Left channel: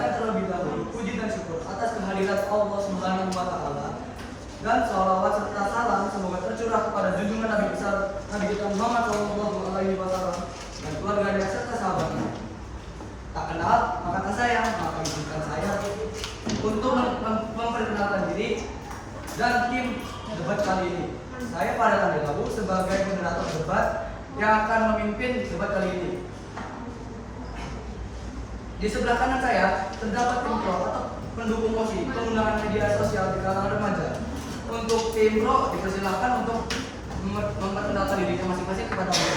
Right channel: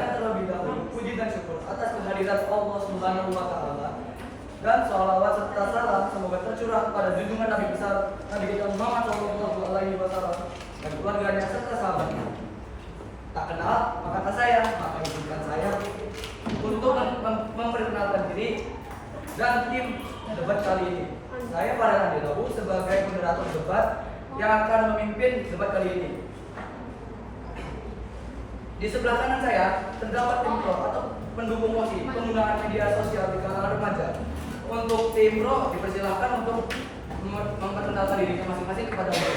Panjatkan terlebih dahulu puji dan syukur atas kehadiran Allah Subhanahu wa Ta'ala, dan sholawat serta salam semoga tercurah kepada junjungan Nabi besar Nabi kita Muhammad SAW dan keluarganya serta sahabatnya. Tak kenal maka tak sayang, maka izinkan saya untuk memperkenalkan diri dan tim debat kali ini. Saya Farel Andilabu sebagai moderator debat yang akan memimpin debat kali ini. Di sebelah kanan saya terdapat tim pro atau pendukung mosi penggunaan media sosial di kalangan remaja. Untuk tim pro dipersilahkan untuk memperkenalkan dirinya masing-masing kepada umum.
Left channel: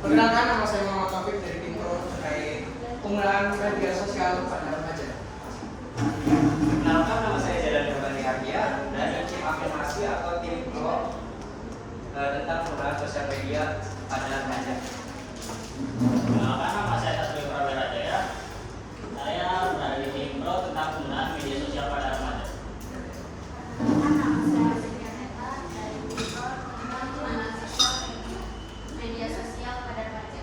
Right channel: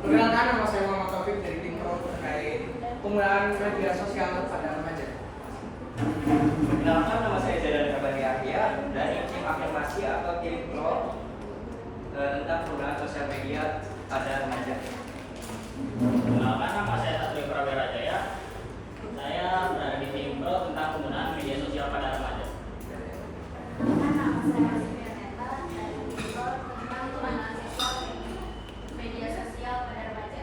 Perkenalkan, nama saya Muhammad Taufik dari tim pro terkait penggunaan media sosial pada remaja. Perkenalkan, nama saya Jalan Kabani Arya dari tim afirmasi atau tim pro tentang penggunaan sosial media pada remaja. Perkenalkan, nama saya Tasbih Prawira Jaya. Saya berada di tim pro tentang penggunaan media sosial pada remaja. Media sosial pada remaja.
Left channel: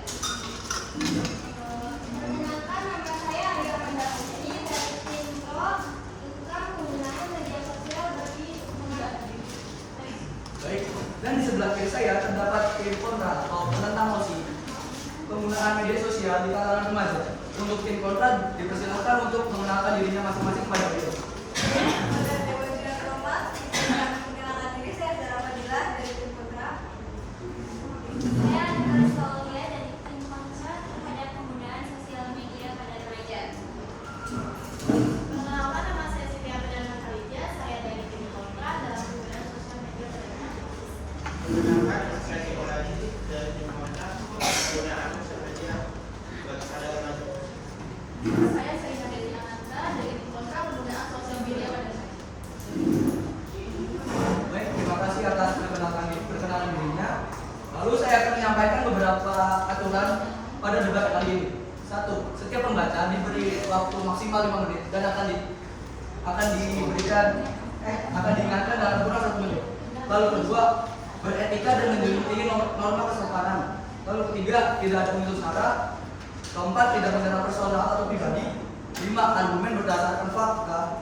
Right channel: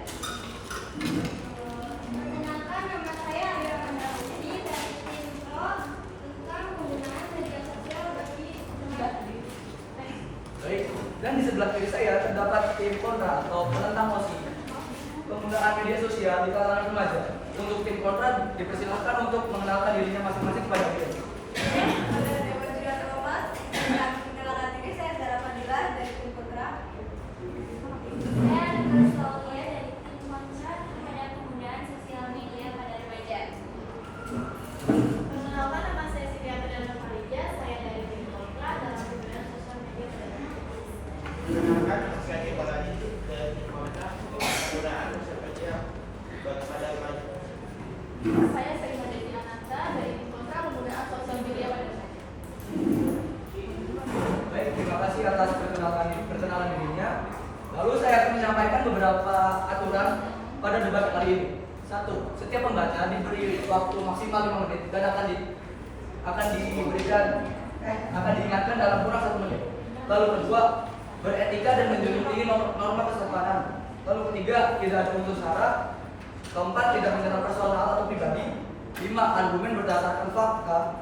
Perkenalkan, nama saya Arya Pandavini dari tim pro tentang penggunaan media sosial bagi remaja. Baik, dan di sebelah kiri saya terdapat tim kontra atau penentang mosi penggunaan media sosial di kalangan remaja. Untuk tim kontra dipersilahkan untuk mengenalkan dirinya masing-masing kepada beliau. Perkenalkan diri, saya Zara Fadilah dari tim kontra. Saya Nicholas Saulia dari tim kontra terhadap penggunaan sosial media pada remaja. Perkenalkan, nama saya Siti Perdana Kalija, saya dari tim kontra dalam penggunaan sosial media pada remaja. Perkenalkan, nama saya Nikola Didik dari tim kontra penggunaan sosial media pada remaja. Saya Selina Desi Ananta dari tim kontra penggunaan sosial media pada remaja. Baik, terima kasih atas perkenalan dirinya. Lalu saya akan menyampaikan beberapa aturan pada debat kali ini. 1. Setiap pembaca diberi waktu maksimal 5 menit dan akan diingatkan dalam kurang 1 menit. Lalu kedua, beretika dan menjunjung norma kesopanan. Lalu ketiga, tidak ada unsur sara. Keempat, tidak menyerang personal atau pribadi. 5. Argumen berdasarkan fakta.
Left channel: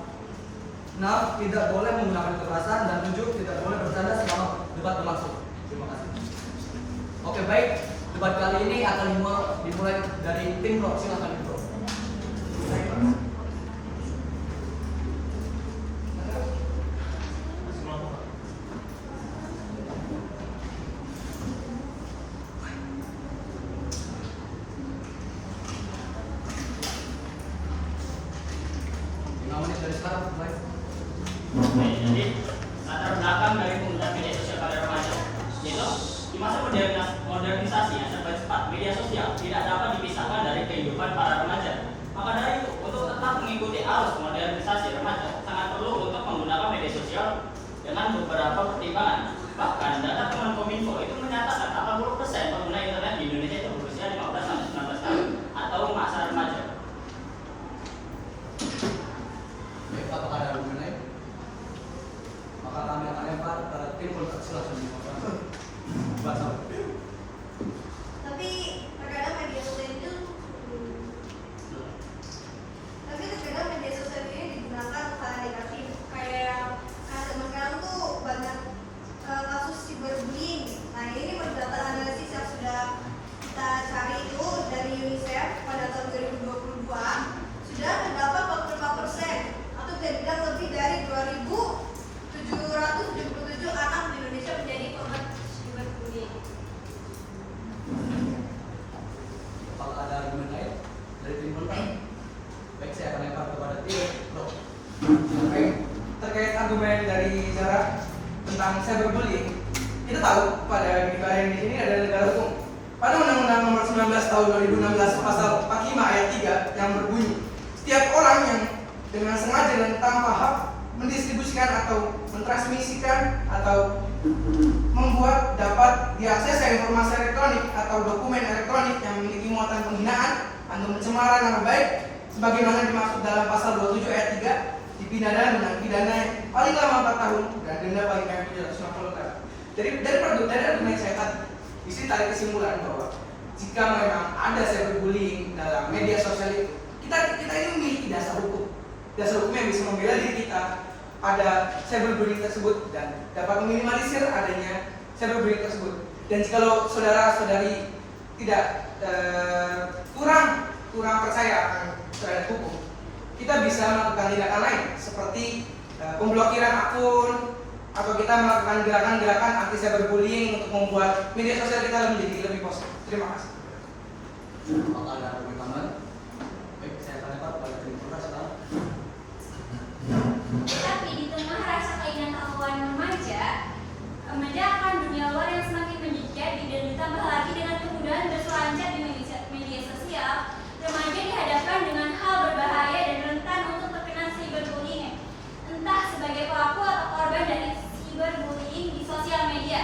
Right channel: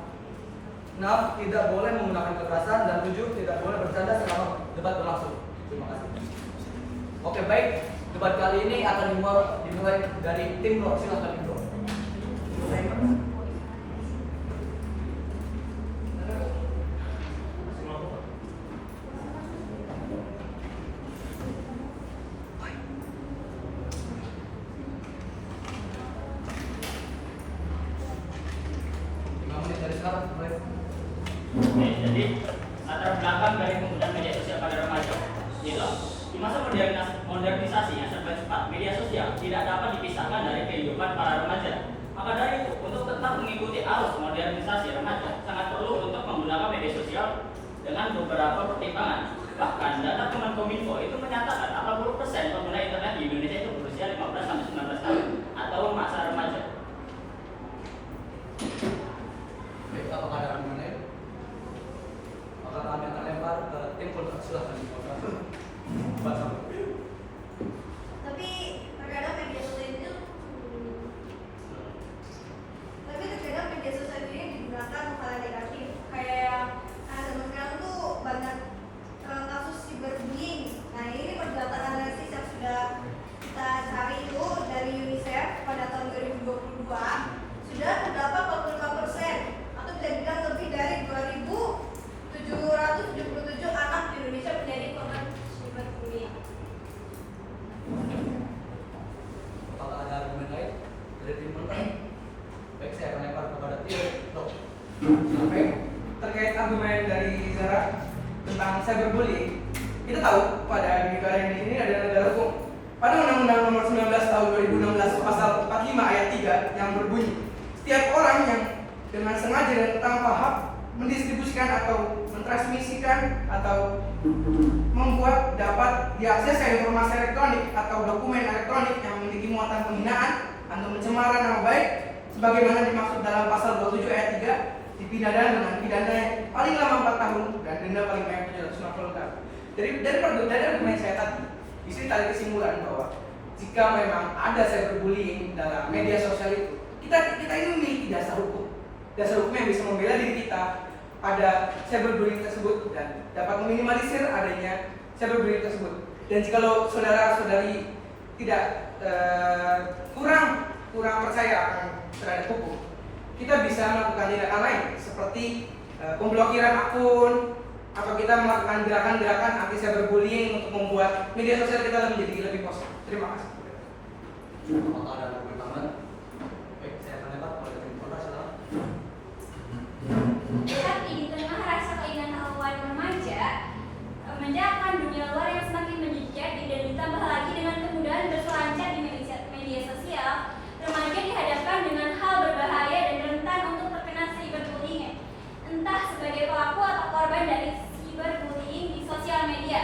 6. Tidak boleh menggunakan kekerasan. Dan 7. Tidak boleh bercanda selama debat berlangsung. Terima kasih. Oke, baik. Debat kali ini akan dimulai dari tim pro. Silakan tim pro. Oke, jadi latar belakang dari penggunaan media sosial pada remaja. Jadi, di masa modernisasi yang serba cepat, media sosial tidak dapat dipisahkan dari kehidupan para remaja. Maka dari itu, untuk tetap mengikuti arus modernisasi remaja, sangat perlu untuk menggunakan media sosial dengan beberapa pertimbangan. Bahkan data Kemenkominfo itu menyatakan 80% pengguna internet di Indonesia itu berusia 15-19 tahun atau masa remaja. Baik, apakah ada argumen lain? Maka kami akan lempar ke tim pro. Silakan. Baca. Tapi terkadang media sosial itu digunakan hal yang negatif, kayak yang zaman sekarang tuh banyak kasus cyberbullying. Nah, ini menurut data analisis yang sudah kita cari itu dari UNICEF pada tahun 2022 sudah terdapat 45% atau bisa dibilang lebih dari 2.777 anak di Indonesia menjadi korban cyberbullying. Apakah ada argumen lain dari tim kontra? Baik, saya akan lempar kepada tim pro. Oke, terkait argumen dari Zara tentang cyberbullying, kita tahu pada negara ini ada negara hukum. Pada Undang-Undang Nomor 19 Tahun 2016 Pasal 45 Ayat 3 yang berbunyi, setiap orang yang dengan sengaja dan tanpa hak mendistribusikan atau mentransmisikan atau membuat dapat diakses informasi elektronik atau dokumen elektronik yang memiliki muatan penghinaan atau pencemaran nama baik sebagaimana dimaksud dalam pasal 27 ayat 3 dipidana dengan pidana yang paling lama 4 tahun dan denda paling banyak 750 tahun. Dari argumen saya tadi, di sini tarik kesimpulan bahwa jika memang ada cyberbullying dalam media sosial itu, kita ini memiliki dasar hukum yang bisa membela diri kita pada cyberbullying tersebut dan dapat meminimalisir adanya cyberbullying tersebut. Dan jika saudara-saudari tidak kurang percaya akan terhadap hukum, kita bisa melakukan tindakan lain seperti pemblokiran akun, atau kita melakukan gerakan-gerakan anti cyberbullying untuk membuat media sosial kita menjadi lebih positif. Terima kasih. Apakah ada komentar? Baik, saya akan lempar pada tim kontra sekarang. Tetapi di tengah rasa keingintahuan remaja akan dunia luar yang semakin menjejak dan ditambah lagi dengan kemudahan berselancar di media sosial, remaja dihadapkan dengan hal berbahaya dan rentan untuk terkena cyberbullying, entah sebagai pelaku atau korban dari cyberbullying di sosial media.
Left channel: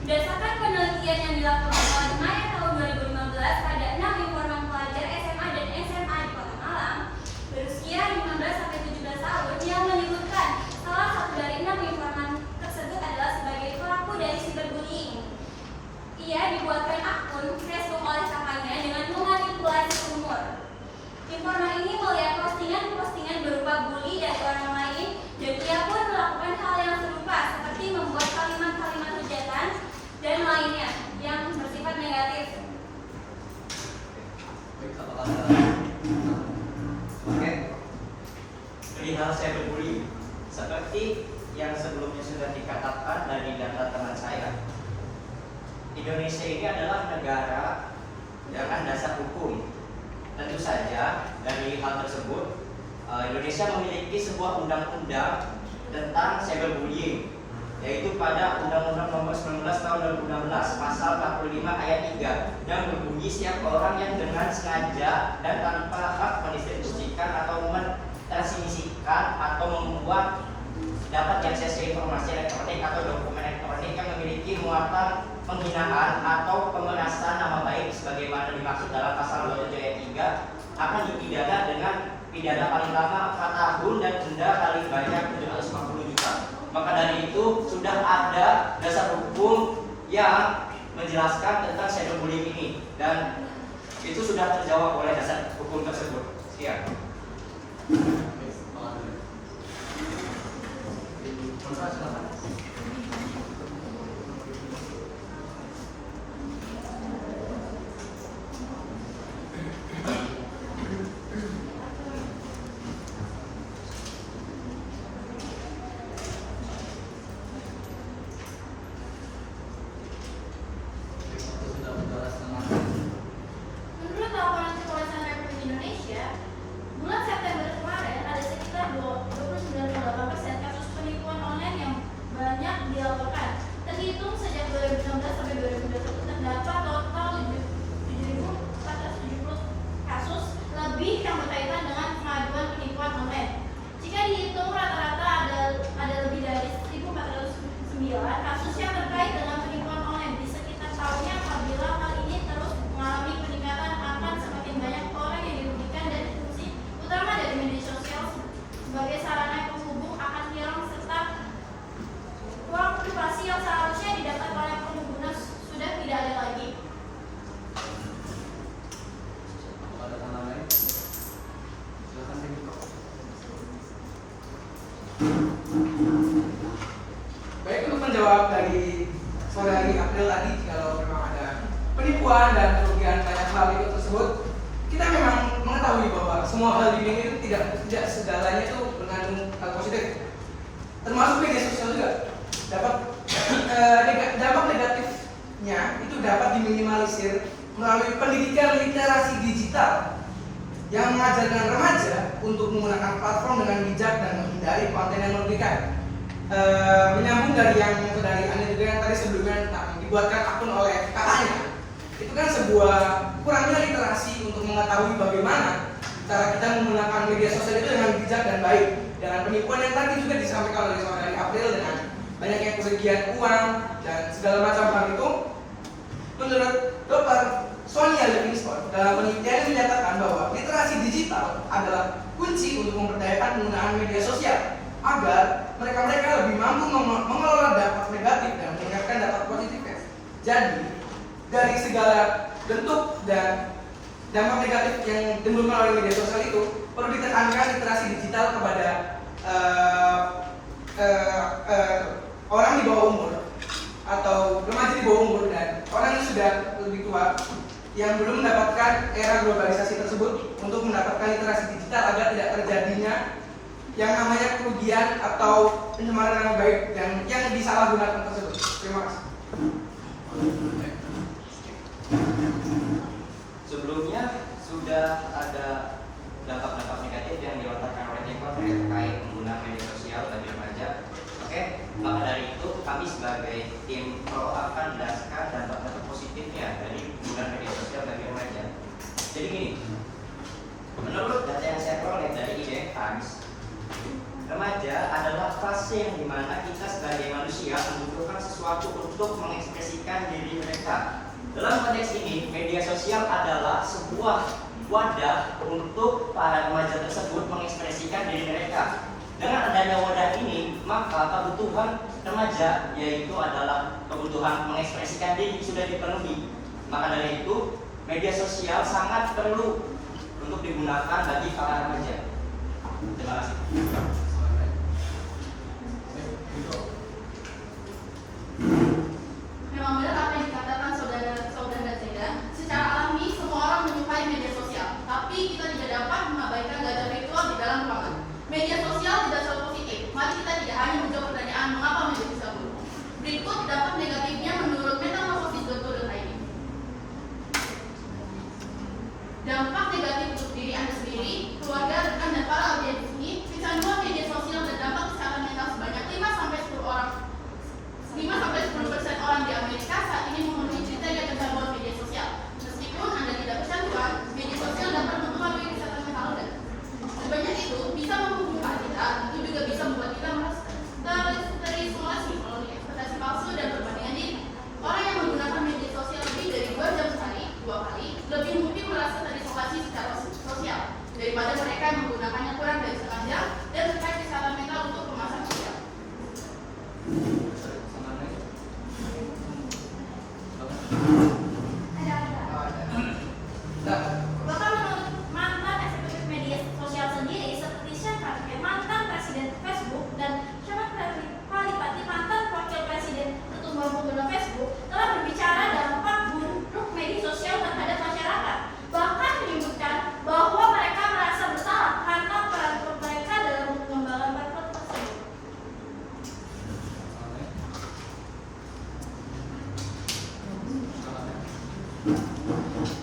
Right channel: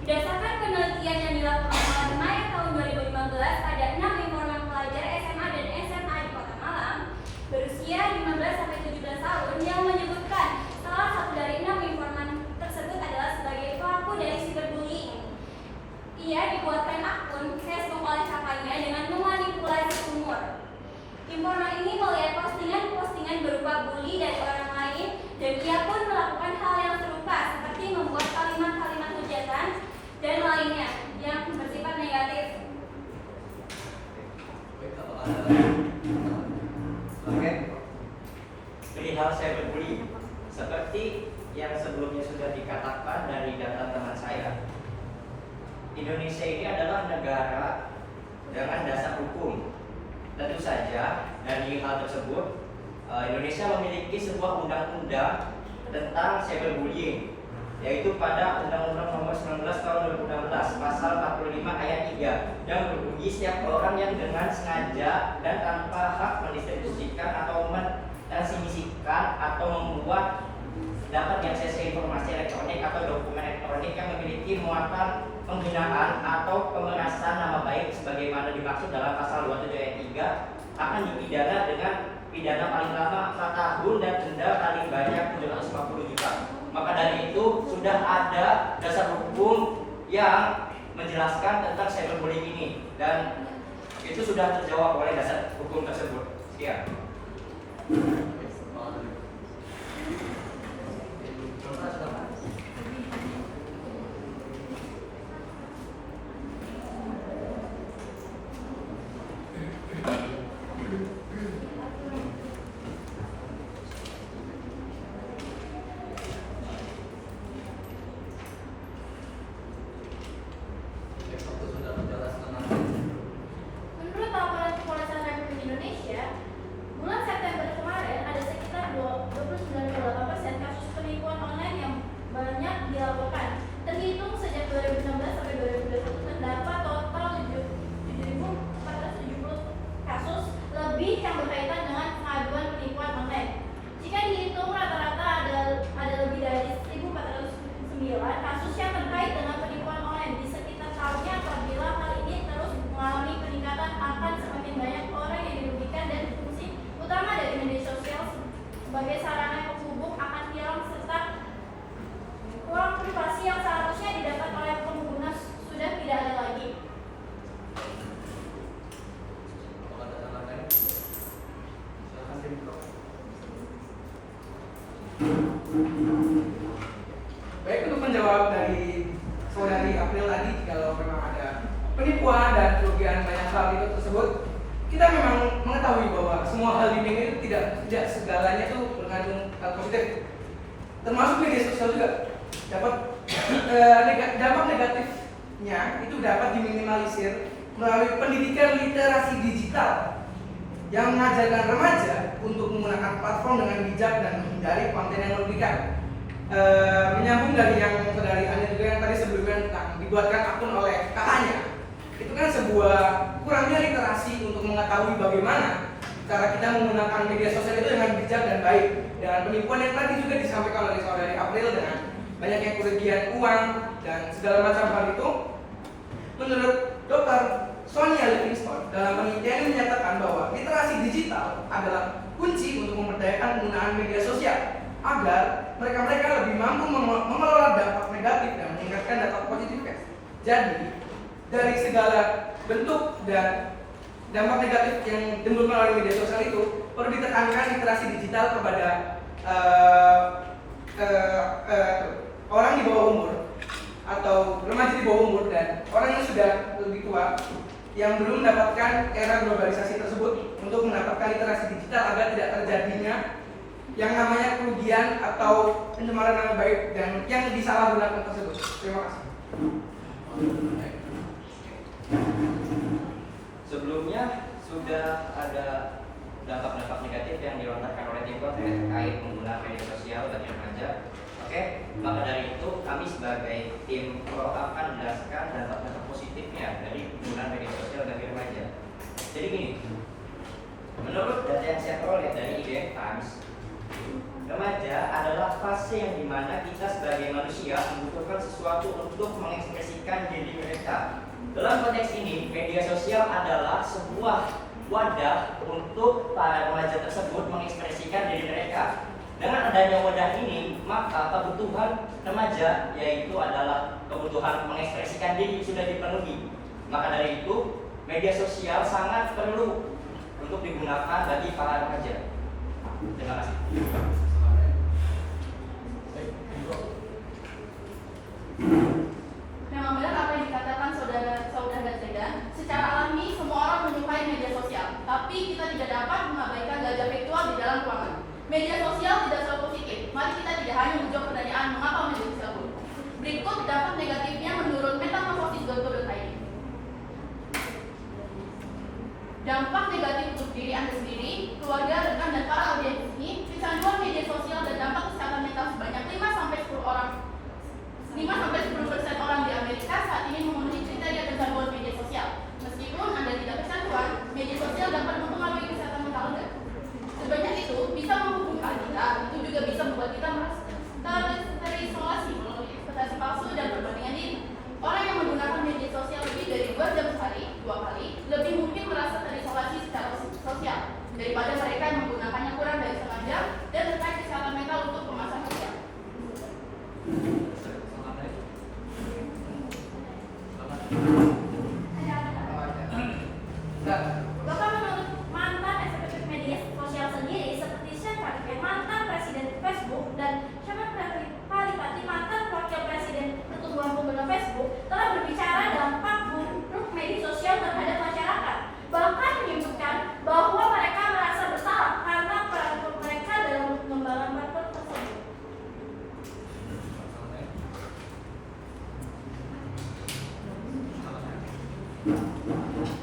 Berdasarkan penelitian yang dilakukan oleh Maya tahun 2015 pada 6 informan pelajar SMA dan SMA di Kota Malang berusia 15-17 tahun yang menyebutkan salah satu dari 6 informan tersebut adalah sebagai pelaku dari cyberbullying. Ia dibuatkan akun Facebook oleh kakaknya dengan memanipulasi umur. Informan ini melihat postingan-postingan berupa bully dari orang lain dan ia pun melakukan hal yang serupa seperti membuat kalimat-kalimat hujatan dan lainnya yang bersifat negatif. Baik, apakah ada? Oke. Perihal cyberbullying, seperti yang sebelumnya sudah dikatakan dari data teman saya, Indonesia ini adalah negara dengan dasar hukum. Tentu saja dari hal tersebut, Indonesia memiliki sebuah undang-undang tentang cyberbullying, yaitu pada Undang-Undang Nomor 19 Tahun 2016 Pasal 45 Ayat 3 yang berbunyi setiap orang yang dengan sengaja dan tanpa hak mendistribusikan atau mentransmisikan atau membuat dapat diakses informasi elektronik atau dokumen elektronik yang memiliki muatan penghinaan atau pemerasan nama baik sebagaimana dimaksud dalam pasal 27 ayat 3 akan dipidana dengan pidana paling lama 4 tahun dan denda paling banyak 750 juta. Maka dari itu sudah ada dasar hukum yang menjelaskan tentang cyberbullying ini dan itu sudah terjawab oleh dasar hukum tersebut. Sekian. Kontra silakan. Menurut laporan Kepolisian Republik Indonesia, bulan September kemarin ada sekitar 29,8% kasus penipuan online yang banyak dilaporkan. Terhitung sejak 2016 sampai 2021 terdapat total 7.470 kasus lebih yang berkaitan dengan pengaduan penipuan online. Jika dihitung rata-rata ada lebih dari 1.409 kasus yang terkait dengan penipuan online di sekitar tahunnya. Apabila hal ini terus mengalami peningkatan, akan semakin banyak orang yang dirugikan dan fungsi utama dari media sosial sebagai sarana penghubung akan hilang serta ruang privasi yang seharusnya didapat oleh pengguna sudah tidak ada lagi. Apakah ada tanggapan lain? Silakan tim pro. Baik, untuk menjawab dari saudari April tadi, kalau memang ada penipuan dan kerugian banyak hal itu tersebut, kita memang mengetahui bahwa semua hal di dunia itu tidak segalanya itu mengandung hal positif, termasuk media sosial juga dapat dampak negatifnya itu dapat diminimalisir melalui pendidikan literasi digital yang mengajarkan remaja untuk menggunakan platform dengan bijak dan menghindari konten yang merugikan. Menyambung dari yang saudari Ania juga yang tadi sebelumnya dibuatkan akun oleh kakaknya, itu kan sebuah kurangnya literasi untuk mengetahui bagaimana cara kita menggunakan media sosial itu dengan bijak dan baik. Dan penipuan yang tadi juga disampaikan oleh saudari April dengan banyaknya kerugian uang dan segala macam hal itu, menurut Dr. Sonia Levinson dalam penelitian menyatakan bahwa literasi digital adalah kunci untuk memberdayakan penggunaan media sosial agar mereka lebih mampu mengelola dampak negatif dan meningkatkan dampak positifnya. Jadi dari segala bentuk dan dampak negatif yang timbul melalui media sosial itu perlu ditekankan literasi digital kepada orang di bawah umur atau remaja di bawah umur dan orang yang sudah lebih tua yang belum mendapatkan era globalisasi tersebut untuk mendapatkan literasi digital agar tidak terjadinya yang namanya kerugian atau pencemaran nama baik dan yang disalahgunakan tersebut. Terima kasih. Sebelumnya sudah ada dampak-dampak negatif yang dilontarkan oleh Tiko terkait penggunaan media sosial bagi remaja. Oke, maka dari itu kami sebagai tim pro akan menjelaskan dampak-dampak positifnya dari penggunaan media sosial bagi remaja. Jadi gini, menurut data yang saya peroleh dari IDN Times, remaja adalah fase yang dimana kita sebagai manusia membutuhkan sesuatu untuk mengekspresikan diri mereka. Dalam konteks ini, media sosial adalah sebuah wadah untuk para remaja tersebut mengekspresikan diri mereka. Dengan adanya wadah ini, maka kebutuhan remaja yaitu adalah kebutuhan mengekspresikan diri sudah dipenuhi. Maka dari itu, media sosial sangat perlu untuk digunakan bagi para remaja. Terima kasih. Memang benar apa yang dikatakan saudara Zeda. Secara alami semua orang menyukai media sosial, tapi kita tidak dapat mengabaikan gajah virtual di dalam ruangan. Media sosial tidak selalu positif. Mari kita tidak hanya menjawab pertanyaan mengapa media sosial buruk. Berikut dampak negatifnya menurut metamorfosis.co.id. Dampak negatif untuk diri Anda sendiri, keluarga, rekan, dan para audiens ini, kecanduan media sosial dan dampak kesehatan mental sebanyak 5-10% orang di Amerika saat ini memenuhi kriteria kecanduan media sosial. Meskipun Anda tidak kecanduan, media sosial dapat mempengaruhi kesehatan mental Anda. Sebanyak itu bisa menghubungkan kita, itu juga bisa membuat kita merasa terisolasi melalui ekspektasi palsu dan perbandingan diri. Orang yang menggunakan media sosial lebih dari 2 jam sehari, 2 kali, lebih mungkin merasa terisolasi secara sosial daripada mereka yang menggunakannya kurang dari 1 jam dan terkait kesehatan mental untuk kemasan sosial. Bahkan menurut mantan eksekutif media sosial sendiri seperti Shepard, mantan presiden Facebook, dan Shepard Palipati, mantan wakil presiden pertumbuhan pengguna Facebook, telah berbicara dampak buruk media sosial terhadap masyarakat. Bahkan menyebutkan bahwa mereka merasa bersalah karena peran mereka dalam pengembangan platform tersebut.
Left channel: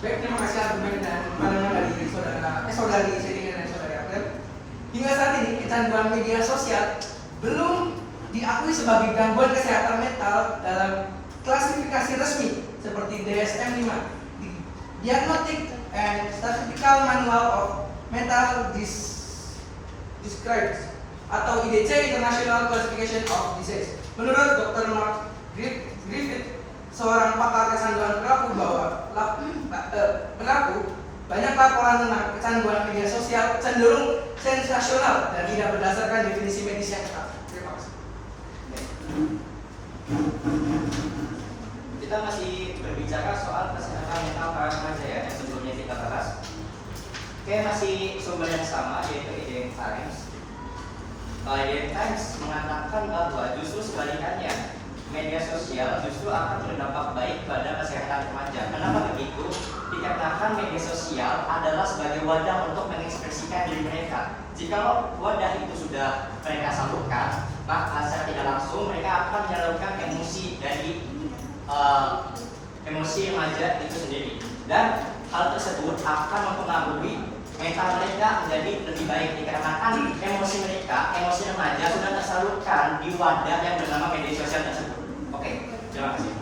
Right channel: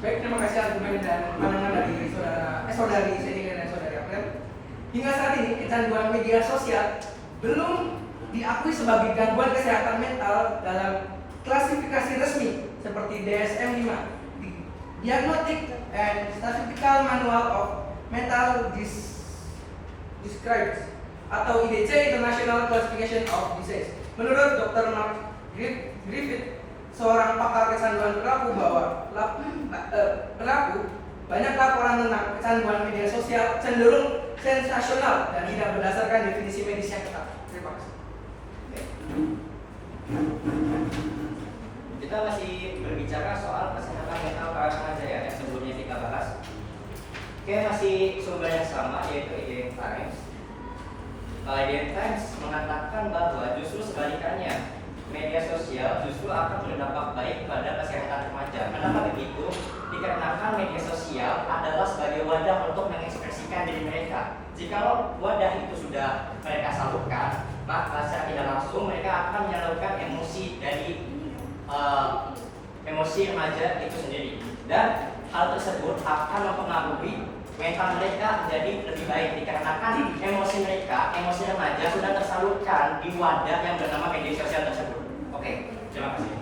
Baik, terima kasih argumen dan pandangan dari saudari Sedi dan saudari April. Hingga saat ini kecanduan media sosial belum diakui sebagai gangguan kesehatan mental dalam klasifikasi resmi seperti DSM-5, Diagnostic and Statistical Manual of Mental Disorders atau IDC International Classification of Disease. Menurut Dr. Mark Griffith, seorang pakar kecanduan berlaku banyak laporan tentang kecanduan media sosial cenderung sensasional dan tidak berdasarkan definisi medis yang ketat. Terima kasih. Kita masih berbicara soal kesehatan mental para remaja ya, yang sebelumnya kita bahas. Oke, masih sumber yang sama yaitu IDN Times. IDN Times mengatakan bahwa justru sebalikannya, media sosial justru akan berdampak baik pada kesehatan remaja. Kenapa begitu? Dikarenakan media sosial adalah sebagai wadah untuk mengekspresikan diri mereka. Jikalau wadah itu sudah mereka salurkan, maka secara tidak langsung mereka akan menyalurkan emosi dari emosi remaja itu sendiri. Dan hal tersebut akan mempengaruhi mental mereka menjadi lebih baik dikarenakan emosi mereka, emosi remaja sudah tersalurkan di wadah yang bernama media sosial tersebut. Oke, terima kasih.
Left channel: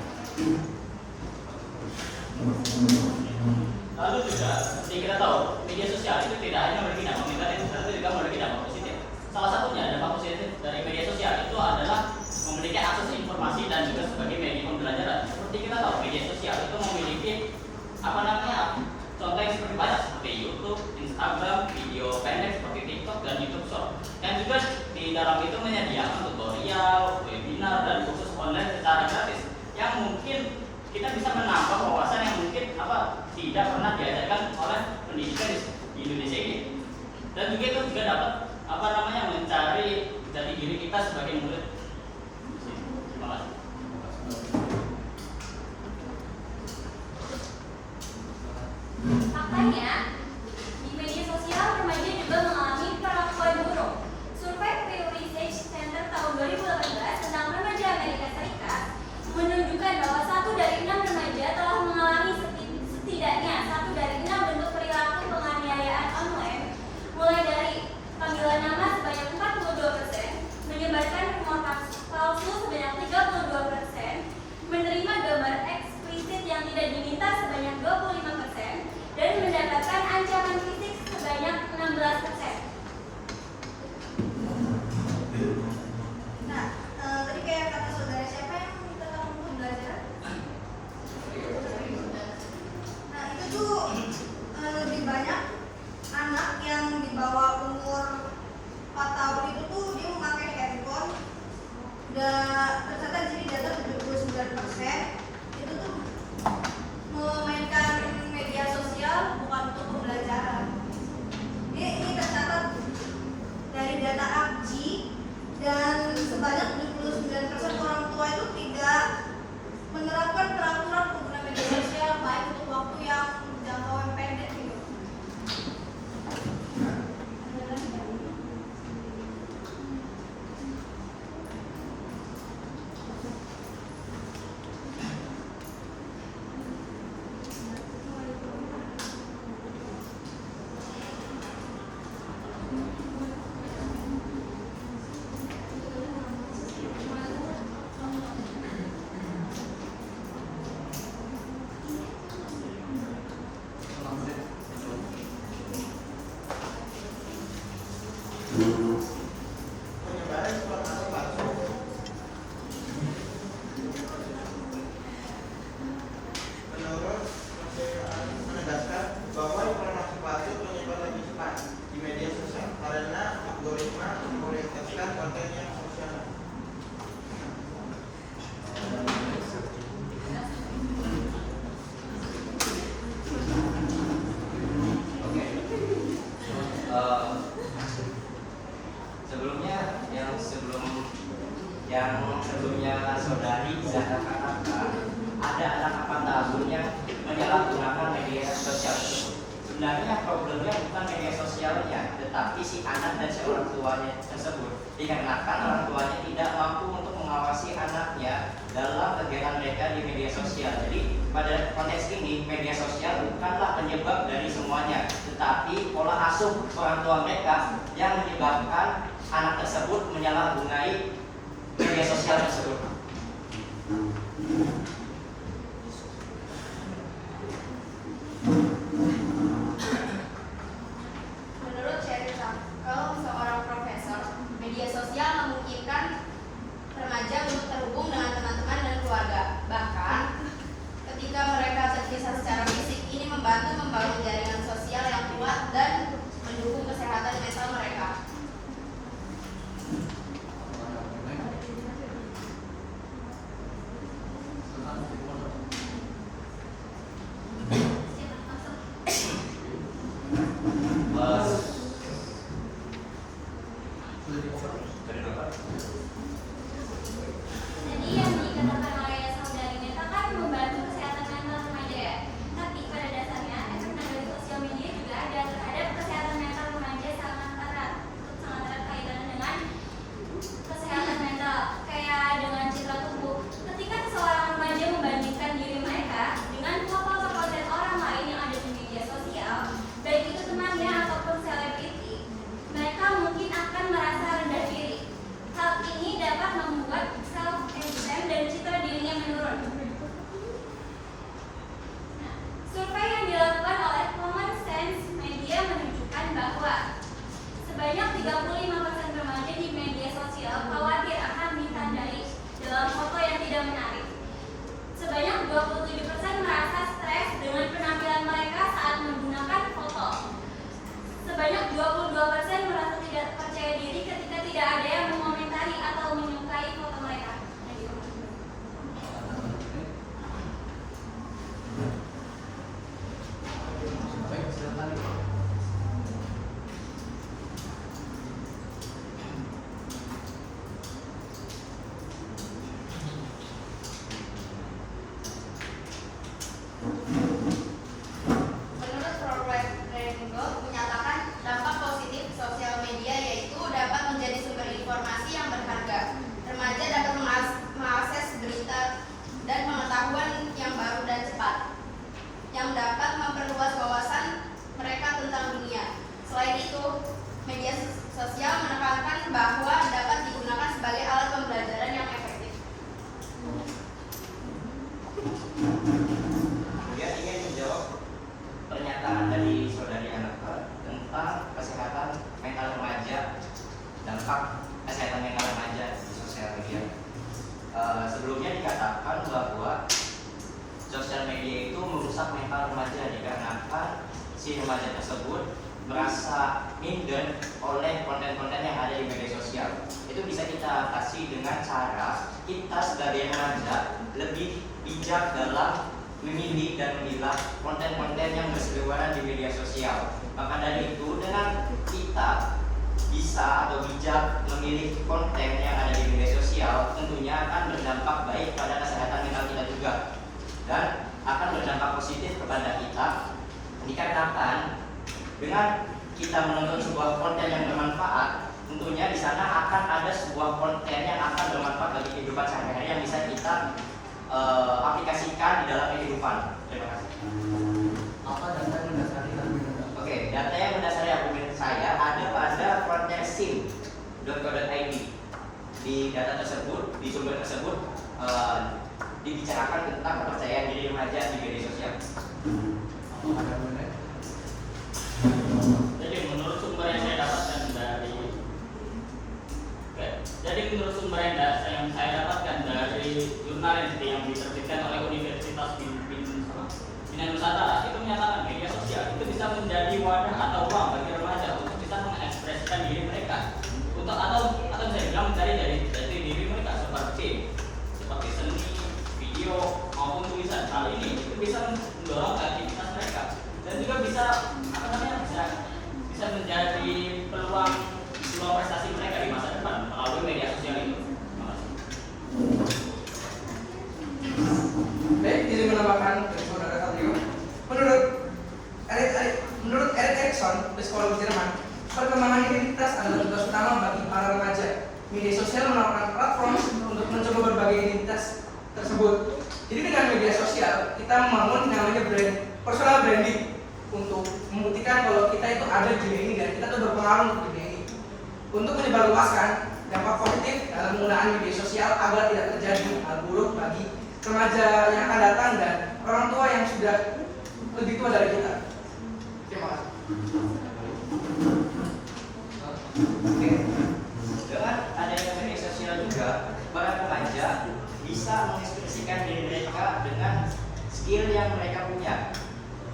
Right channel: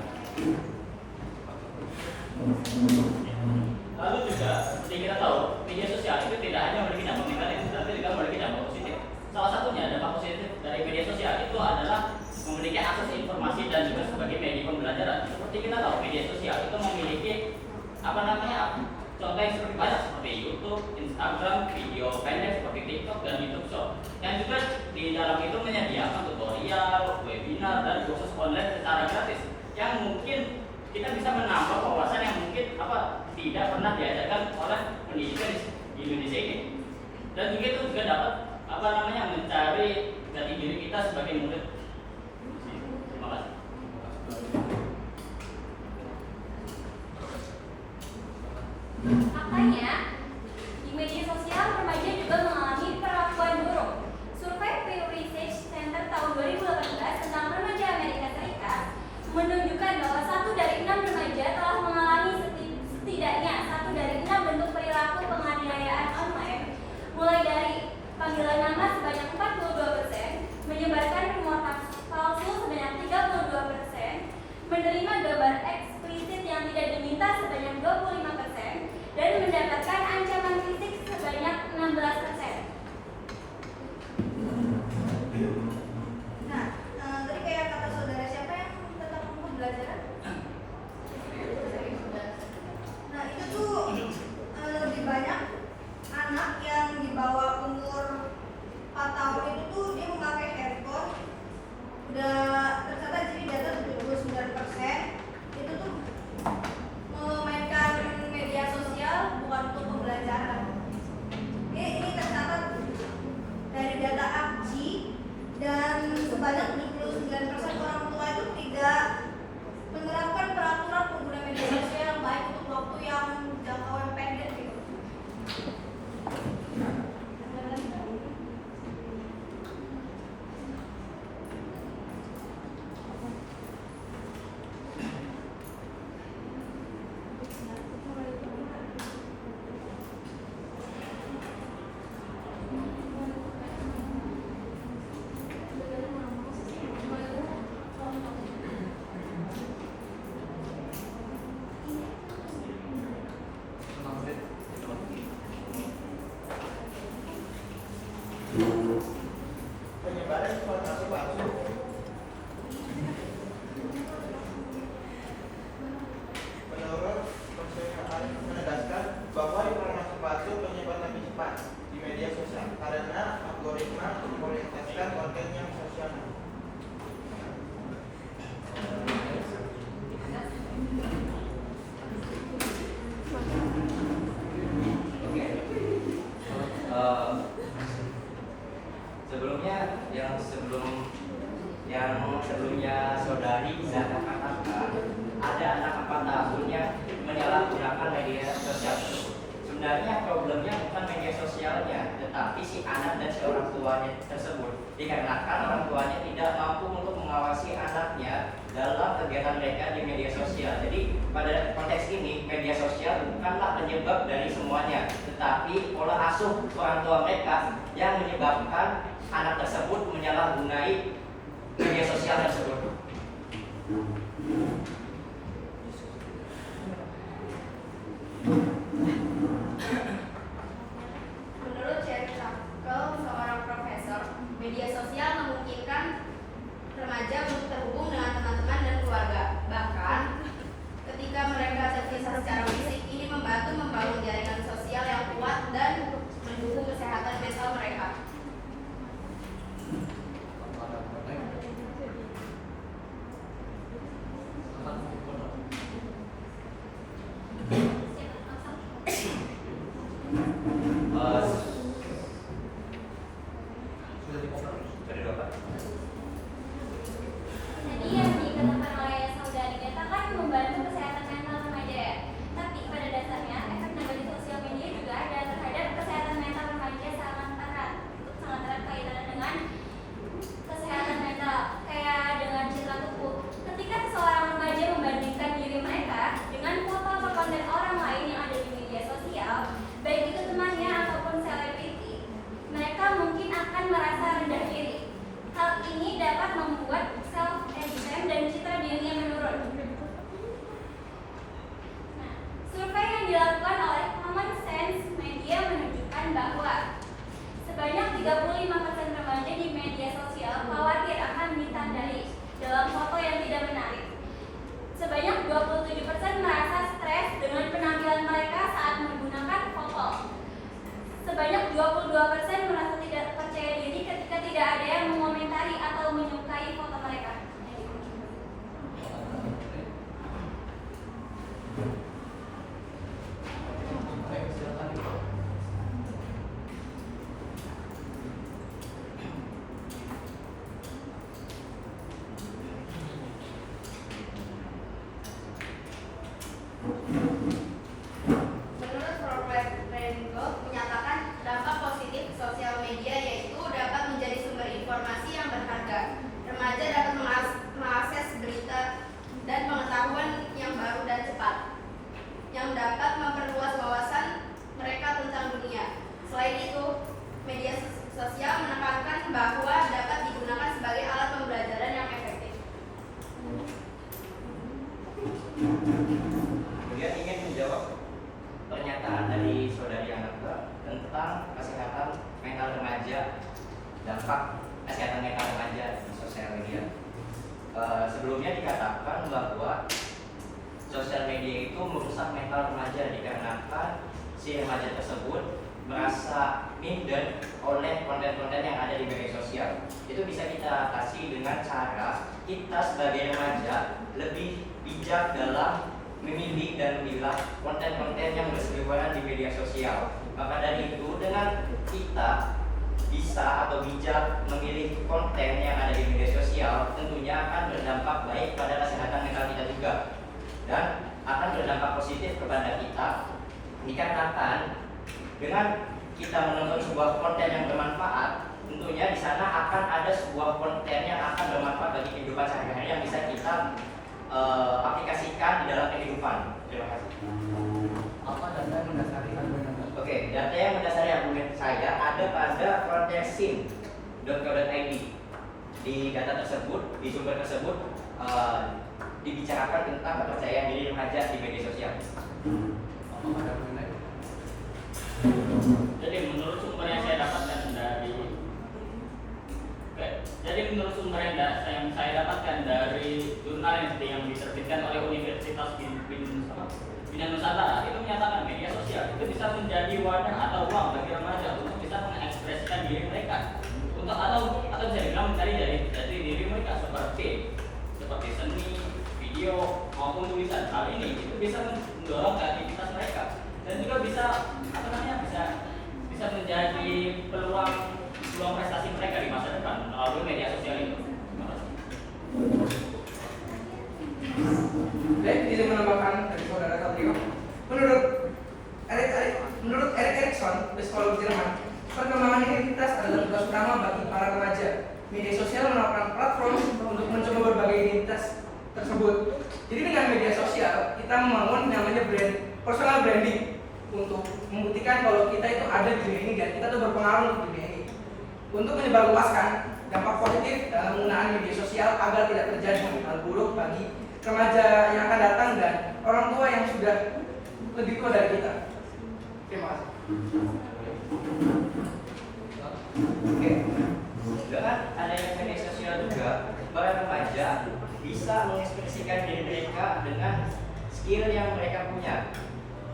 Lalu juga seperti kita tahu, media sosial itu tidak hanya memiliki dampak negatif, tapi juga memiliki dampak positif. Salah satunya dampak positif dari media sosial itu adalah memiliki akses informasi dan juga sebagai media pembelajaran. Seperti kita tahu, media sosial itu memiliki contoh yang seperti banyak seperti YouTube, Instagram, video pendek seperti TikTok dan YouTube Short. Dan juga di dalam itu menyediakan tutorial, webinar dan kursus online secara gratis yang mungkin kita bisa menambah wawasan yang mungkin tidak pernah diajarkan oleh pendidikan di Indonesia ini. Dan juga itu juga dapat mencari jati diri kita sebagai murid. Terima kasih. Faktanya, di media sosial remaja juga mengalami perlakuan buruk. Survei Pew Research Center tahun 2018 tentang remaja Amerika Serikat menunjukkan bahwa 1 dari 6 remaja telah mengalami setidaknya 1 dari 6 bentuk perilaku penganiayaan online, mulai dari panggilan nama sebanyak 42%, menyebarkan rumor palsu sebanyak 32%, menerima gambar eksplisit yang tidak diminta sebanyak 25%, dan mendapatkan ancaman fisik sebanyak 16%. Nah, tadi kayak kata saudara, siapa yang tentang pembelajaran? Nah, itu tuh lebih banyak anak yang di bawah umur 4 tahun itu tuh dia memakai handphone. Udah tercatat jadi data 79% itu tuh memainkan media sosial bukan untuk pembelajaran. Ini tercatat dari data APJI, dan sebanyak 79% orang tua itu tidak menerapkan peraturan pengguna media sosial baik untuk waktu yang jangkauan pendek gitu. Penyebaran informasi palsu. Menurut Konselor menegaskan bahwa informasi palsu menyebar lebih cepat di media sosial karena algoritma memorientasikan konten yang sensasional. Oke. Sebelumnya saudari katakan ada anak 8 tahunnya menyalahgunakan media sosial. Sebenarnya problemnya bukan media sosialnya, tetapi si anak dan si orang tuanya tersebut. Dikarenakan orang tuanya tidak mampu untuk mengawasi anaknya dalam kegiatan mereka di media sosial. Jadi pada konteks ini media sosial bukanlah penyebab dari semuanya, tetapi pola asuh orang tua mereka yang menyebabkan anak tersebut menyalahgunai media sosial tersebut. Menurut Sherry Tangkel, seorang profesor, media sosial memungkinkan remaja untuk terhubung dengan teman-teman dan keluarga. Bahkan, ketika mereka terpisah secara fisik, ini membantu membangun jaringan sosial yang kuat dan mendukung kesehatan mental mereka. Tadi yang dikatakan oleh saudari Neta kan membantu kesehatan mental remaja ya. Tapi pada dasarnya efek negatif sosial media juga ada terhadap kesehatan mental remaja sangat erat kaitannya dengan kesehatan mental, kayak dengan citra tubuh. Ketika seseorang remaja membandingkan diri mereka dengan foto atau konten orang lain yang ada di media sosial, baik itu temannya ataupun selebriti, mereka mungkin akan merasa rendah diri. Hal ini dapat membuat self-esteem dan citra dirinya menurun. Nah, survei yang dilakukan oleh Common Sense Media menunjukkan bahwa sebanyak 35% remaja di media sosial khawatir akan ditandai dalam foto yang tidak menarik. Sebanyak 27% merasa stres dengan penampilan mereka saat menggunakan foto. Sebanyak 22% merasa tidak percaya diri ketika tidak ada yang mengomentari atau menyukai foto mereka. yaitu media sosial menekankan bahwa dapat digunakan sebagai alat pembelajaran yang efektif. Kemudian ingin menjawab pernyataan dari saudari Anaka tentang kesehatan mental remaja, dampak kesehatan mental remaja di sosial media. Sebelumnya dikatakan bahwa sosial media itu merusak mental remaja dikarenakan si remaja tersebut merasa minder oleh konten-konten yang ada di media sosial. Itu bisa kita atasi dengan cara kita sebagai remaja lebih bijak dalam memilih dan memilah konten-konten yang berseliweran di media sosial. Maka dari itu, dengan kita bisa atau bijak memilih konten yang ada di media sosial, tentunya akan berdampak baik pada kesehatan mental kita juga, dan akan berdampak positif kepada kita. Dikarenakan dengan kita menonton sebuah konten yang bermanfaat, tentunya di sana akan ada sebuah konten yang akan bermanfaat bagi kehidupan sehari-hari yang bisa kita aplikasikan di dalam kehidupan. Terima kasih. Apa data yang mendasari argumen Anda? Oke, data yang mendasari argumen saya ada pada frontiersim.co.id. Di data tersebut, di sumber tersebut dibicarakan tentang kepercayaan diri remaja di media sosial. Apakah ada argumen? Jadi menurut sumber yang saya dapatkan dari jurnal yang diterbitkan oleh Universitas Bina Nusantara, itu menyatakan media sosial itu bisa menjadi wadah atau ruang bagi remaja untuk bisa mengekspresikan diri mereka, untuk atau bisa bilang mencari dari diri mereka seperti seni, video maupun tulisan. Hal ini itu bisa mendorong kreativitas mereka dan juga bisa bisa menjadi peluang prestasi mereka di masa depan melalui media sosial itu. Jadi menambahkan dari saudara Satrio, menurut Erik Erikson, psikolog Jerman, perkembangan identitas adalah tugas utama bagi para remaja. Media sosial merupakan platform untuk mencoba berbagai identitas tersebut. Jadi dengan media sosial kita membangun namanya personal branding untuk membuktikan kalau kita itu ada di dunia ini dan kita itu berpengaruh di dunia ini. Untuk menyebarluaskan dampak positif dalam penggunaan media sosial agar tidak terjadi hal buruk bagi remaja yang akan datang dan orang tua yang sudah lebih tua dari kita. Terima kasih. Oke. Dengan adanya media sosial juga, para remaja bisa mengekspresikan diri mereka dengan skill yang mereka punya.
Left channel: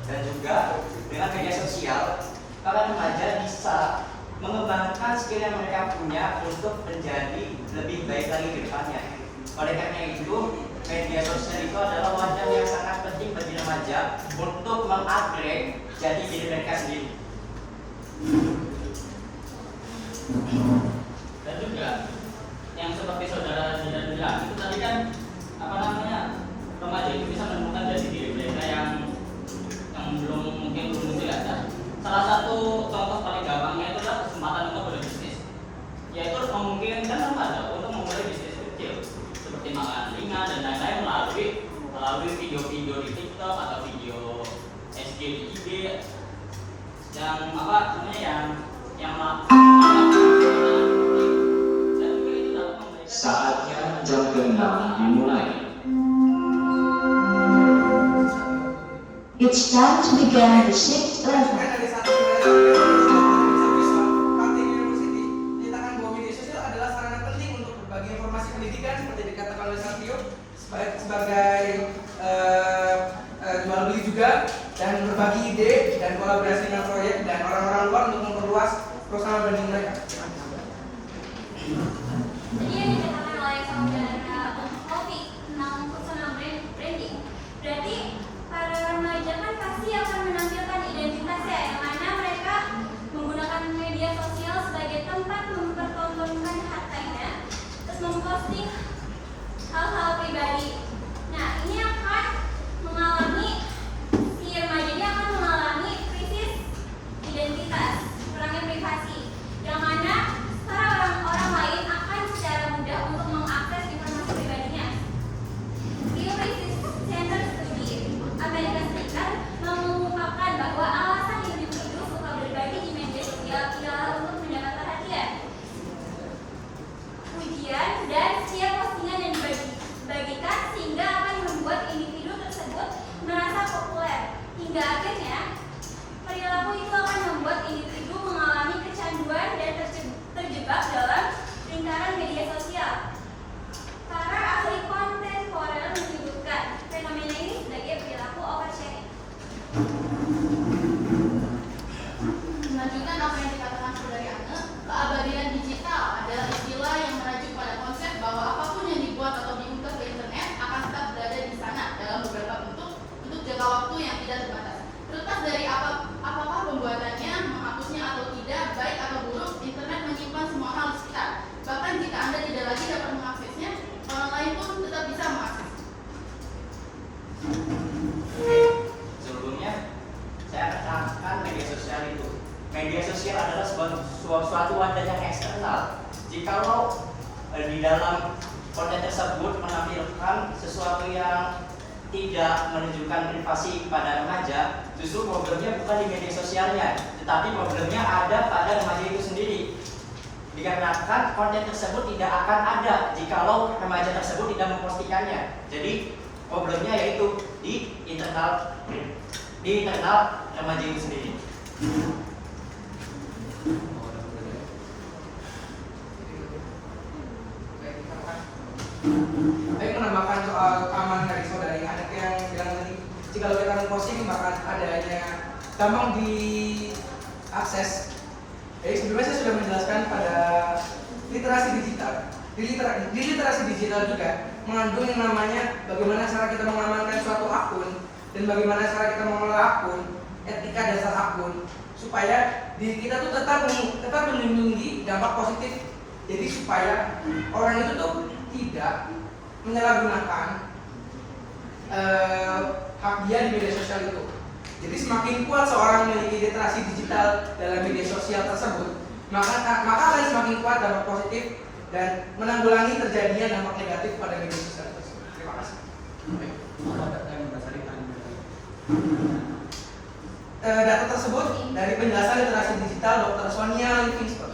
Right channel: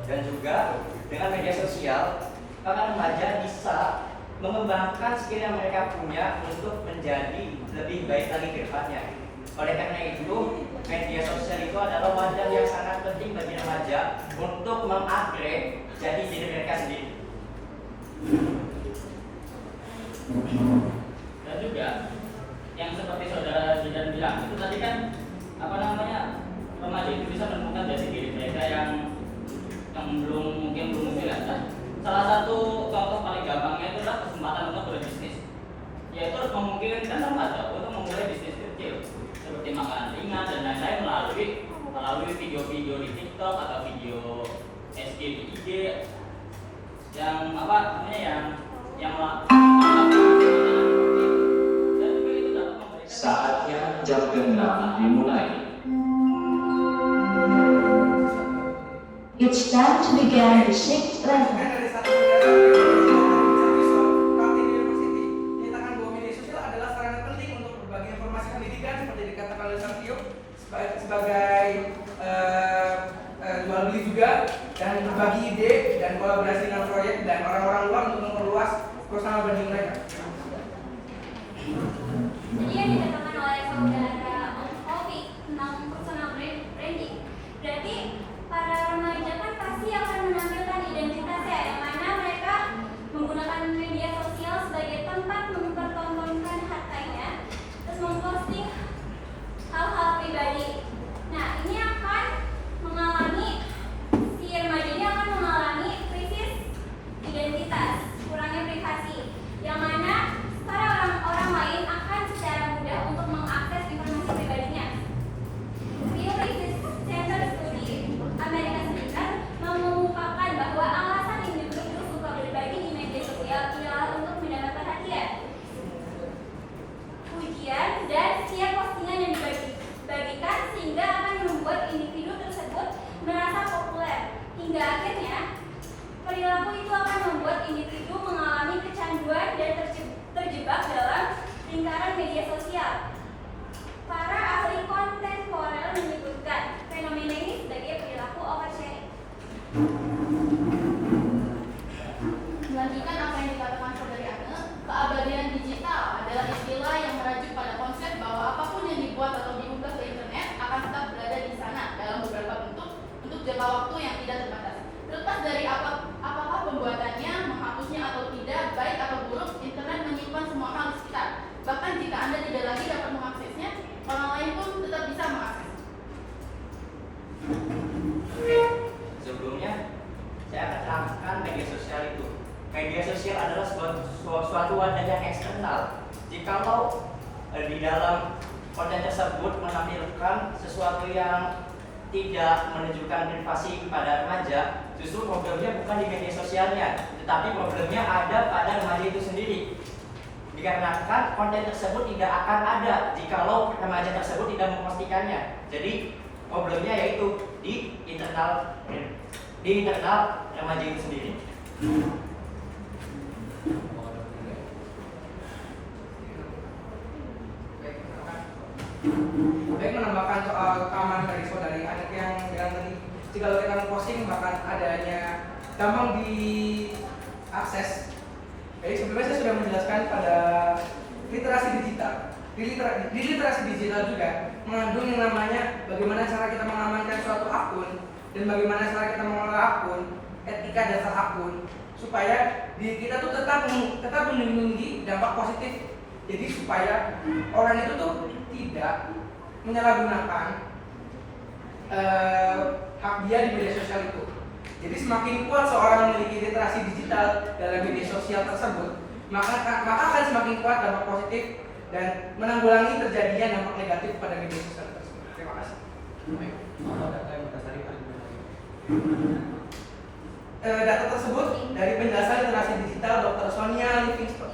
Dan juga dengan media sosial, para remaja bisa mengembangkan skill yang mereka punya untuk menjadi lebih baik lagi ke depannya. Oleh karena itu, media sosial itu adalah wadah yang sangat penting bagi remaja untuk mengupgrade jadi diri mereka sendiri. Dan juga yang seperti saudara Zidan bilang, itu tadi kan remaja itu bisa menemukan jati diri mereka yang belum muncul ya. Nah, salah satu contoh paling gampangnya itu adalah kesempatan untuk berbisnis, yaitu memungkinkan remaja untuk memulai bisnis kecil seperti makan ringan dan lain-lain melalui video-video di TikTok atau video SG di IG yang Saatnya jam ke-6 dimulai. It's time to begin the 6th lesson. Dari satu Parti University menyatakan bahwa media sosial adalah sarana penting untuk berbagi informasi pendidikan seperti dikatakan oleh Satrio sebagai jual beli juga dan berbagi ide dan kolaborasi dengan proyek dan orang-orang luar untuk memperluas personal branding mereka. Jadi yang dikatakan oleh saudara Hobi tentang personal branding, berarti para remaja kan pasti akan menampilkan identitasnya yang mana mereka menggunakan media sosial sebagai tempat mempertontonkan hartanya, terus memposting hal-hal pribadi. Nah, ini akan mengalami, si remaja ini akan mengalami krisis identitas, kurangnya privasi, yang mana para orang lain akan secara mudah untuk mengakses informasi melanjutkan apa yang dikatakan saudari Anne, keabadian digital adalah istilah yang merujuk pada konsep bahwa apapun yang dibuat atau diunggah ke internet akan tetap berada di sana dalam beberapa bentuk untuk jangka waktu yang tidak terbatas. Terlepas dari apakah pembuatannya, menghapusnya atau tidak, baik atau buruk, internet menyimpan semua hal di sekitar. Bahkan jika Anda tidak lagi dapat mengaksesnya, orang lain pun tetap bisa mengakses. Sebelumnya saya akan terangkan media sosial itu. Media sosial adalah suatu wadah yang eksternal. Jikalau di dalam konten tersebut menampilkan sesuatu yang tidak menunjukkan privasi kepada remaja, justru problemnya bukan di media sosialnya, tetapi problemnya ada pada remaja itu sendiri. Dikarenakan konten tersebut tidak akan ada jikalau remaja tersebut tidak mempostikannya. Jadi problemnya yaitu di internal remaja itu sendiri. Baik, menambahkan soal keamanan dari saudari Anet yang bilang tadi, jika lo akan posting bahkan adanya gampang diakses. Jadi sebelumnya saya sudah menjelaskan pada literasi digital. Di literasi digital juga mengandung yang namanya bagaimana cara kita mengamankan suatu akun dan bagaimana cara kita mengelola akun, etika dasar akun, supaya diri kita tuh tetap melindungi dampak positif. Jadi supaya orang itu tuh tidak menyalahgunakan hak dia di media sosial itu. Jadi semakin kuat seorang memiliki literasi digital dalam media sosial tersebut, maka akan semakin kuat dampak positif dan menanggulangi terjadinya dampak negatif pada media sosial tersebut. Terima kasih. Data yang berdasarkan data tersebut dari penjelasan literasi digital Dr. Sonia Livingston.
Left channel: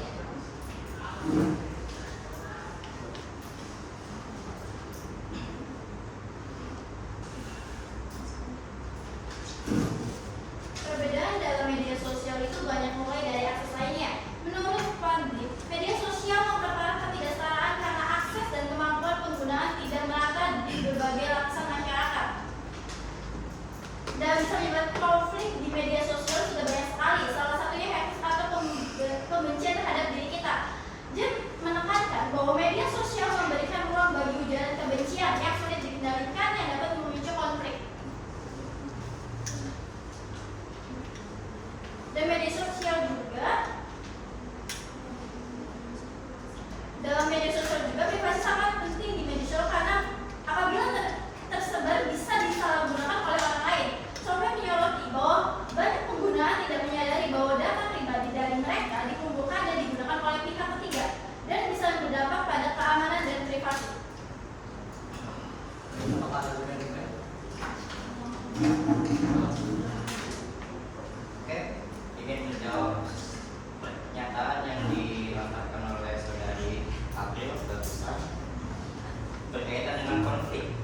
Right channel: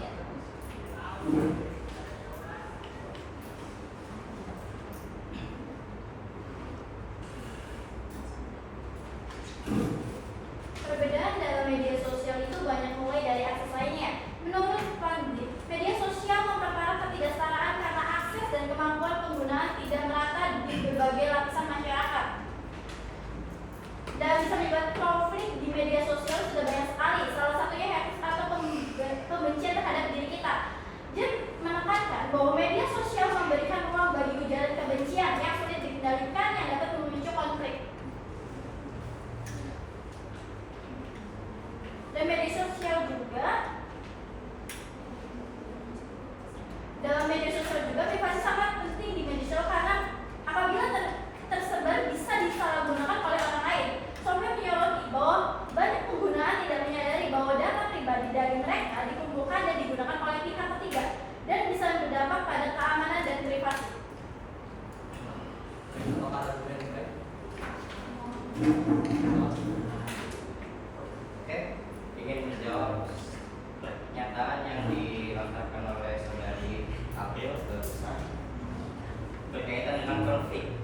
Perbedaan dalam media sosial itu banyak mulai dari akses lainnya. Menurut Pandit, media sosial memperparah ketidaksetaraan karena akses dan kemampuan penggunaan tidak merata di berbagai lapisan masyarakat. Dan bisa menyebabkan konflik di media sosial sudah banyak sekali. Salah satunya hatred atau kebencian terhadap diri kita. Jem menekankan bahwa media sosial memberikan ruang bagi ujaran kebencian yang sulit dikendalikan yang dapat memicu konflik. Dan media sosial juga, dalam media sosial juga privasi sangat penting di media sosial karena apabila tersebar bisa disalahgunakan oleh orang lain. Sampai menyoroti bahwa banyak penggunaan tidak menyadari bahwa data pribadi dari mereka dikumpulkan dan digunakan oleh pihak ketiga dan bisa berdampak pada keamanan dan privasi. Oke, ingin menjawab pernyataan yang dilontarkan oleh saudari April barusan berkaitan dengan konflik.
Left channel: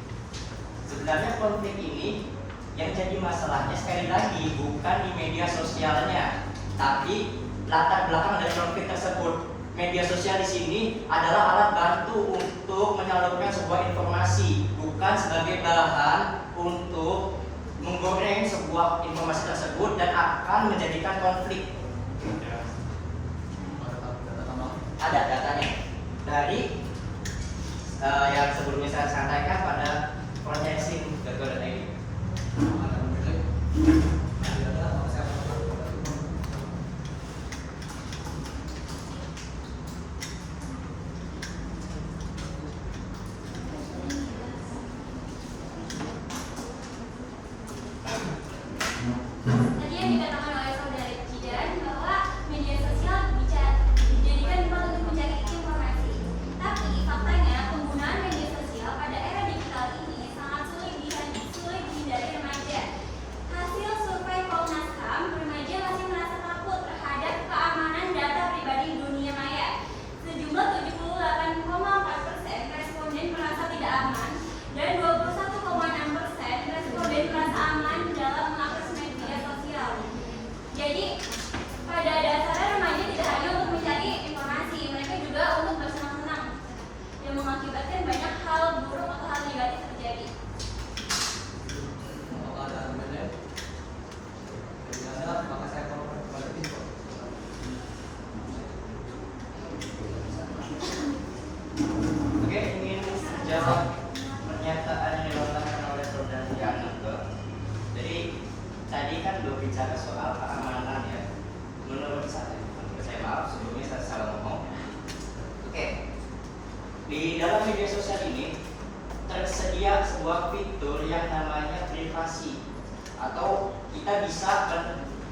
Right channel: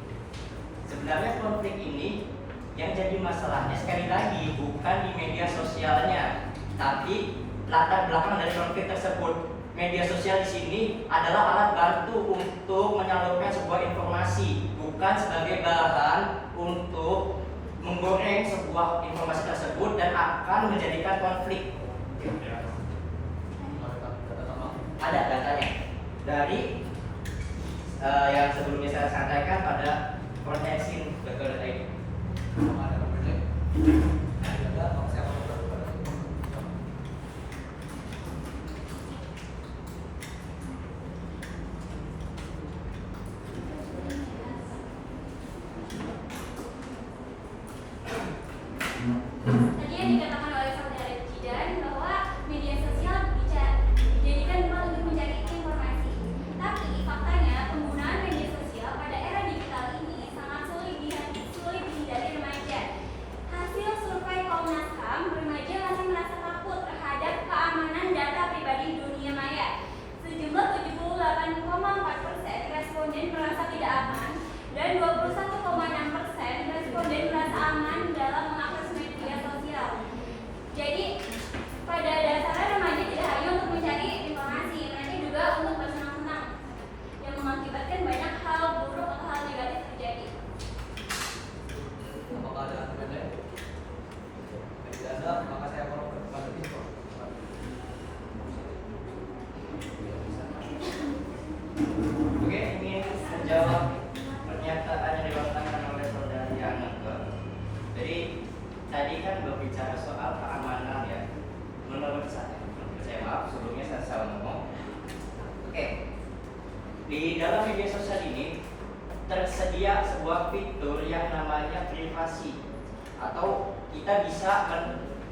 Sebenarnya konflik ini yang jadi masalahnya sekali lagi bukan di media sosialnya, tapi latar belakang dari konflik tersebut. Media sosial di sini adalah alat bantu untuk menyalurkan sebuah informasi, bukan sebagai bahan untuk menggoreng sebuah informasi tersebut dan akan menjadikan konflik. Ada datanya dari yang sebelumnya saya sampaikan pada kontensi.co.id. Tadi yang dikatakan oleh saudari Jidan bahwa media sosial dijadikan tempat untuk mencari informasi. Tapi faktanya penggunaan media sosial pada era digital ini sangat sulit dihindari remaja. Hasil survei Komnas HAM, remaja masih merasa takut terhadap keamanan data pribadi di dunia maya. Sejumlah 78,4% responden merasa tidak aman dan 21,6% responden merasa aman dalam mengakses media sosial. Jadi pada dasarnya remaja tidak hanya untuk mencari informasi, mereka juga untuk bersenang-senang yang mengakibatkan banyak hal buruk atau hal negatif terjadi. Apakah ada argumen lain? Dari Anda, maka saya akan kepada Info. Di dalam media sosial ini tersedia sebuah fitur yang namanya privasi, atau kita bisa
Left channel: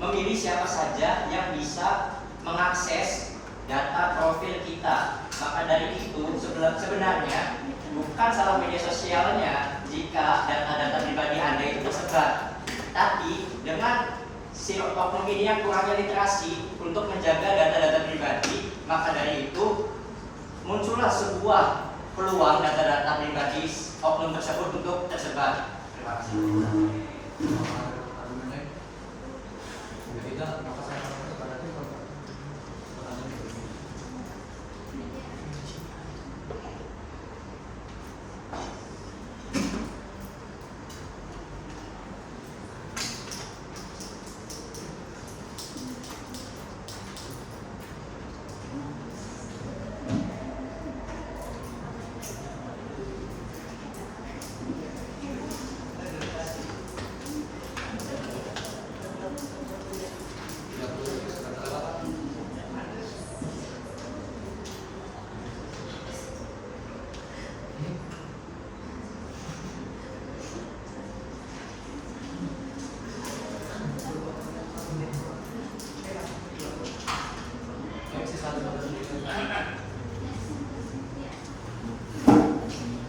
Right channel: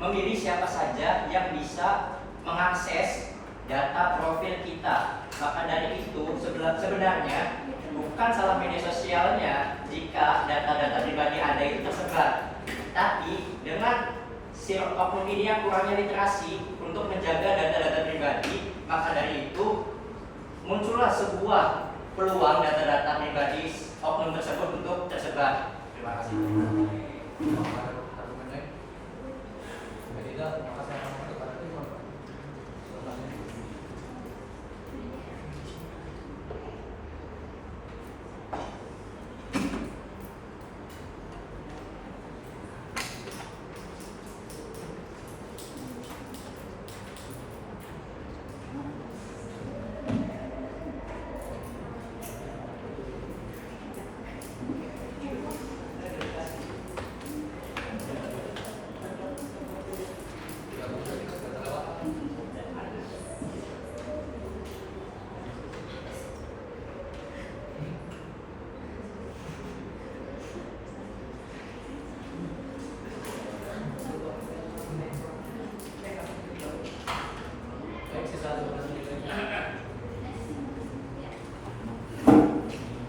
memilih siapa saja yang bisa mengakses data profil kita. Maka dari itu sebenarnya bukan salah media sosialnya jika data-data pribadi Anda itu tersebar, tapi dengan si oknum ini yang kurangnya literasi untuk menjaga data-data pribadi, maka dari itu muncullah sebuah peluang data-data pribadi oknum tersebut untuk tersebar. Terima kasih.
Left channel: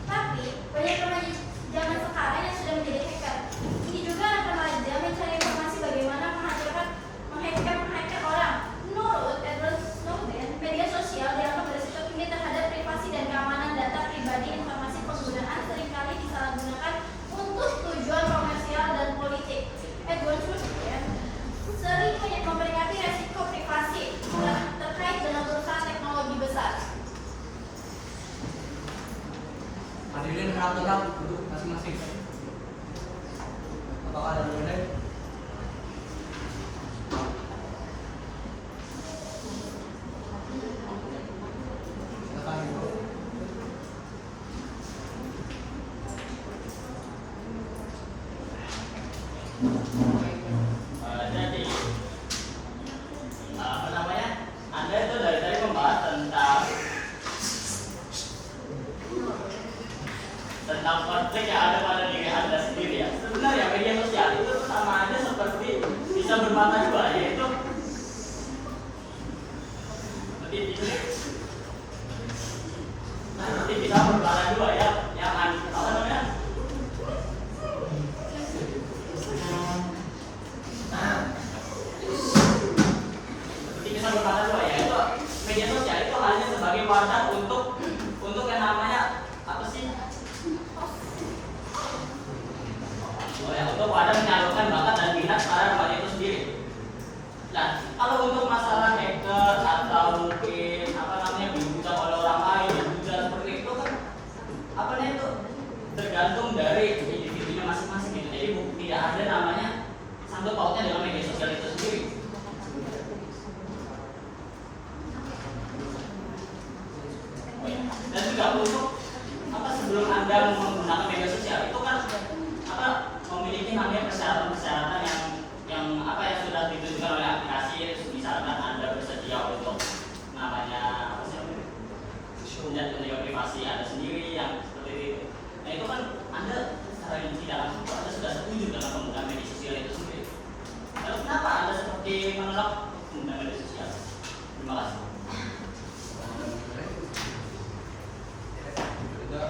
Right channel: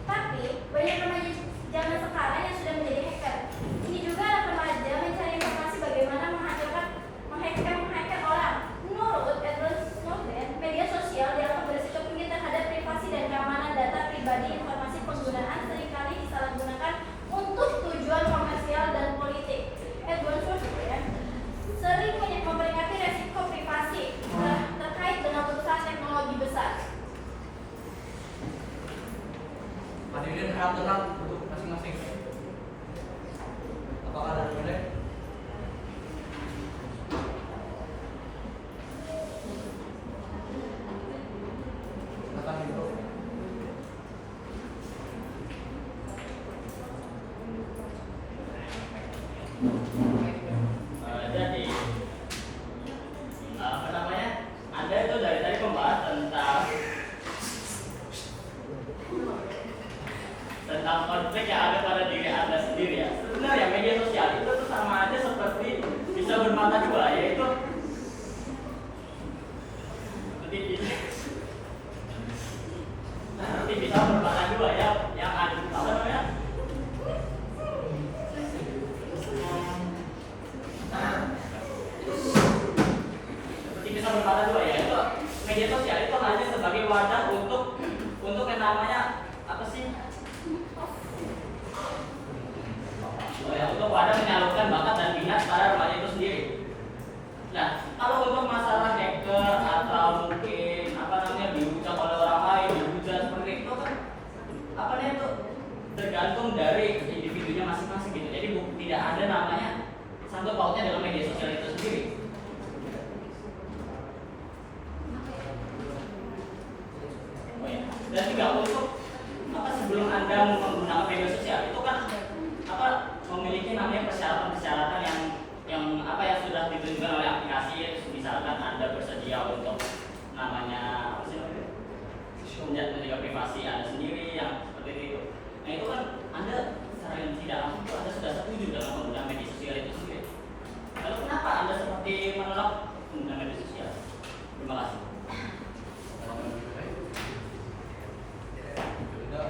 Tapi banyak remaja zaman sekarang yang sudah menjadi hacker. Ini juga anak remaja mencari informasi bagaimana menghacker orang. Menurut Edward Snowden, media sosial dianggap berisiko tinggi terhadap privasi dan keamanan data pribadi. Informasi penggunaan seringkali disalahgunakan untuk tujuan komersial dan politik. Edward Snowden sering memperingati resiko privasi terkait dengan perusahaan teknologi besar. Hadirin harap tenang untuk masing-masing. Apakah ada boleh? Silakan Ibu. Jadi apa namanya? Anda itu dari tadi membahas tentang konflik yang ada pada diri Anda sendiri ya. Sebenarnya media sosial itu tuh sama aja seperti bisa bermata dua, yaitu seperti bisa bermata dua ya, yang apa namanya? Seperti bisa bermata dua ya, itu media sosial itu hanya sebagai wadah untuk yang namanya apa sih? Untuk wadah menyalurkan bakat dan minat para remaja itu sendiri. Nah, kalau untuk masalah hacker atau mungkin apa namanya dibuka oleh orang lain dan seperti itu kan apa namanya itu tergantung dari individunya masing-masing gitu. Jadi tidak ada namanya sangkut pautnya dalam media sosial itu sendiri. Dan juga untuk apa sebelum Anda menggunakan media sosial itu kan apa memiliki namanya persyaratan-persyaratan yang apa yang sudah ditentukan oleh aplikasi. Misalkan Anda bersedia untuk namanya apa sih menjaga privasi Anda sendiri yang seperti itu. Nah itu kan Anda secara tidak langsung Anda sudah setuju dalam penggunaan media sosial itu sendiri. Lalu kenapa Anda seperti menolak penggunaan media sosial? Terima kasih. Tidak.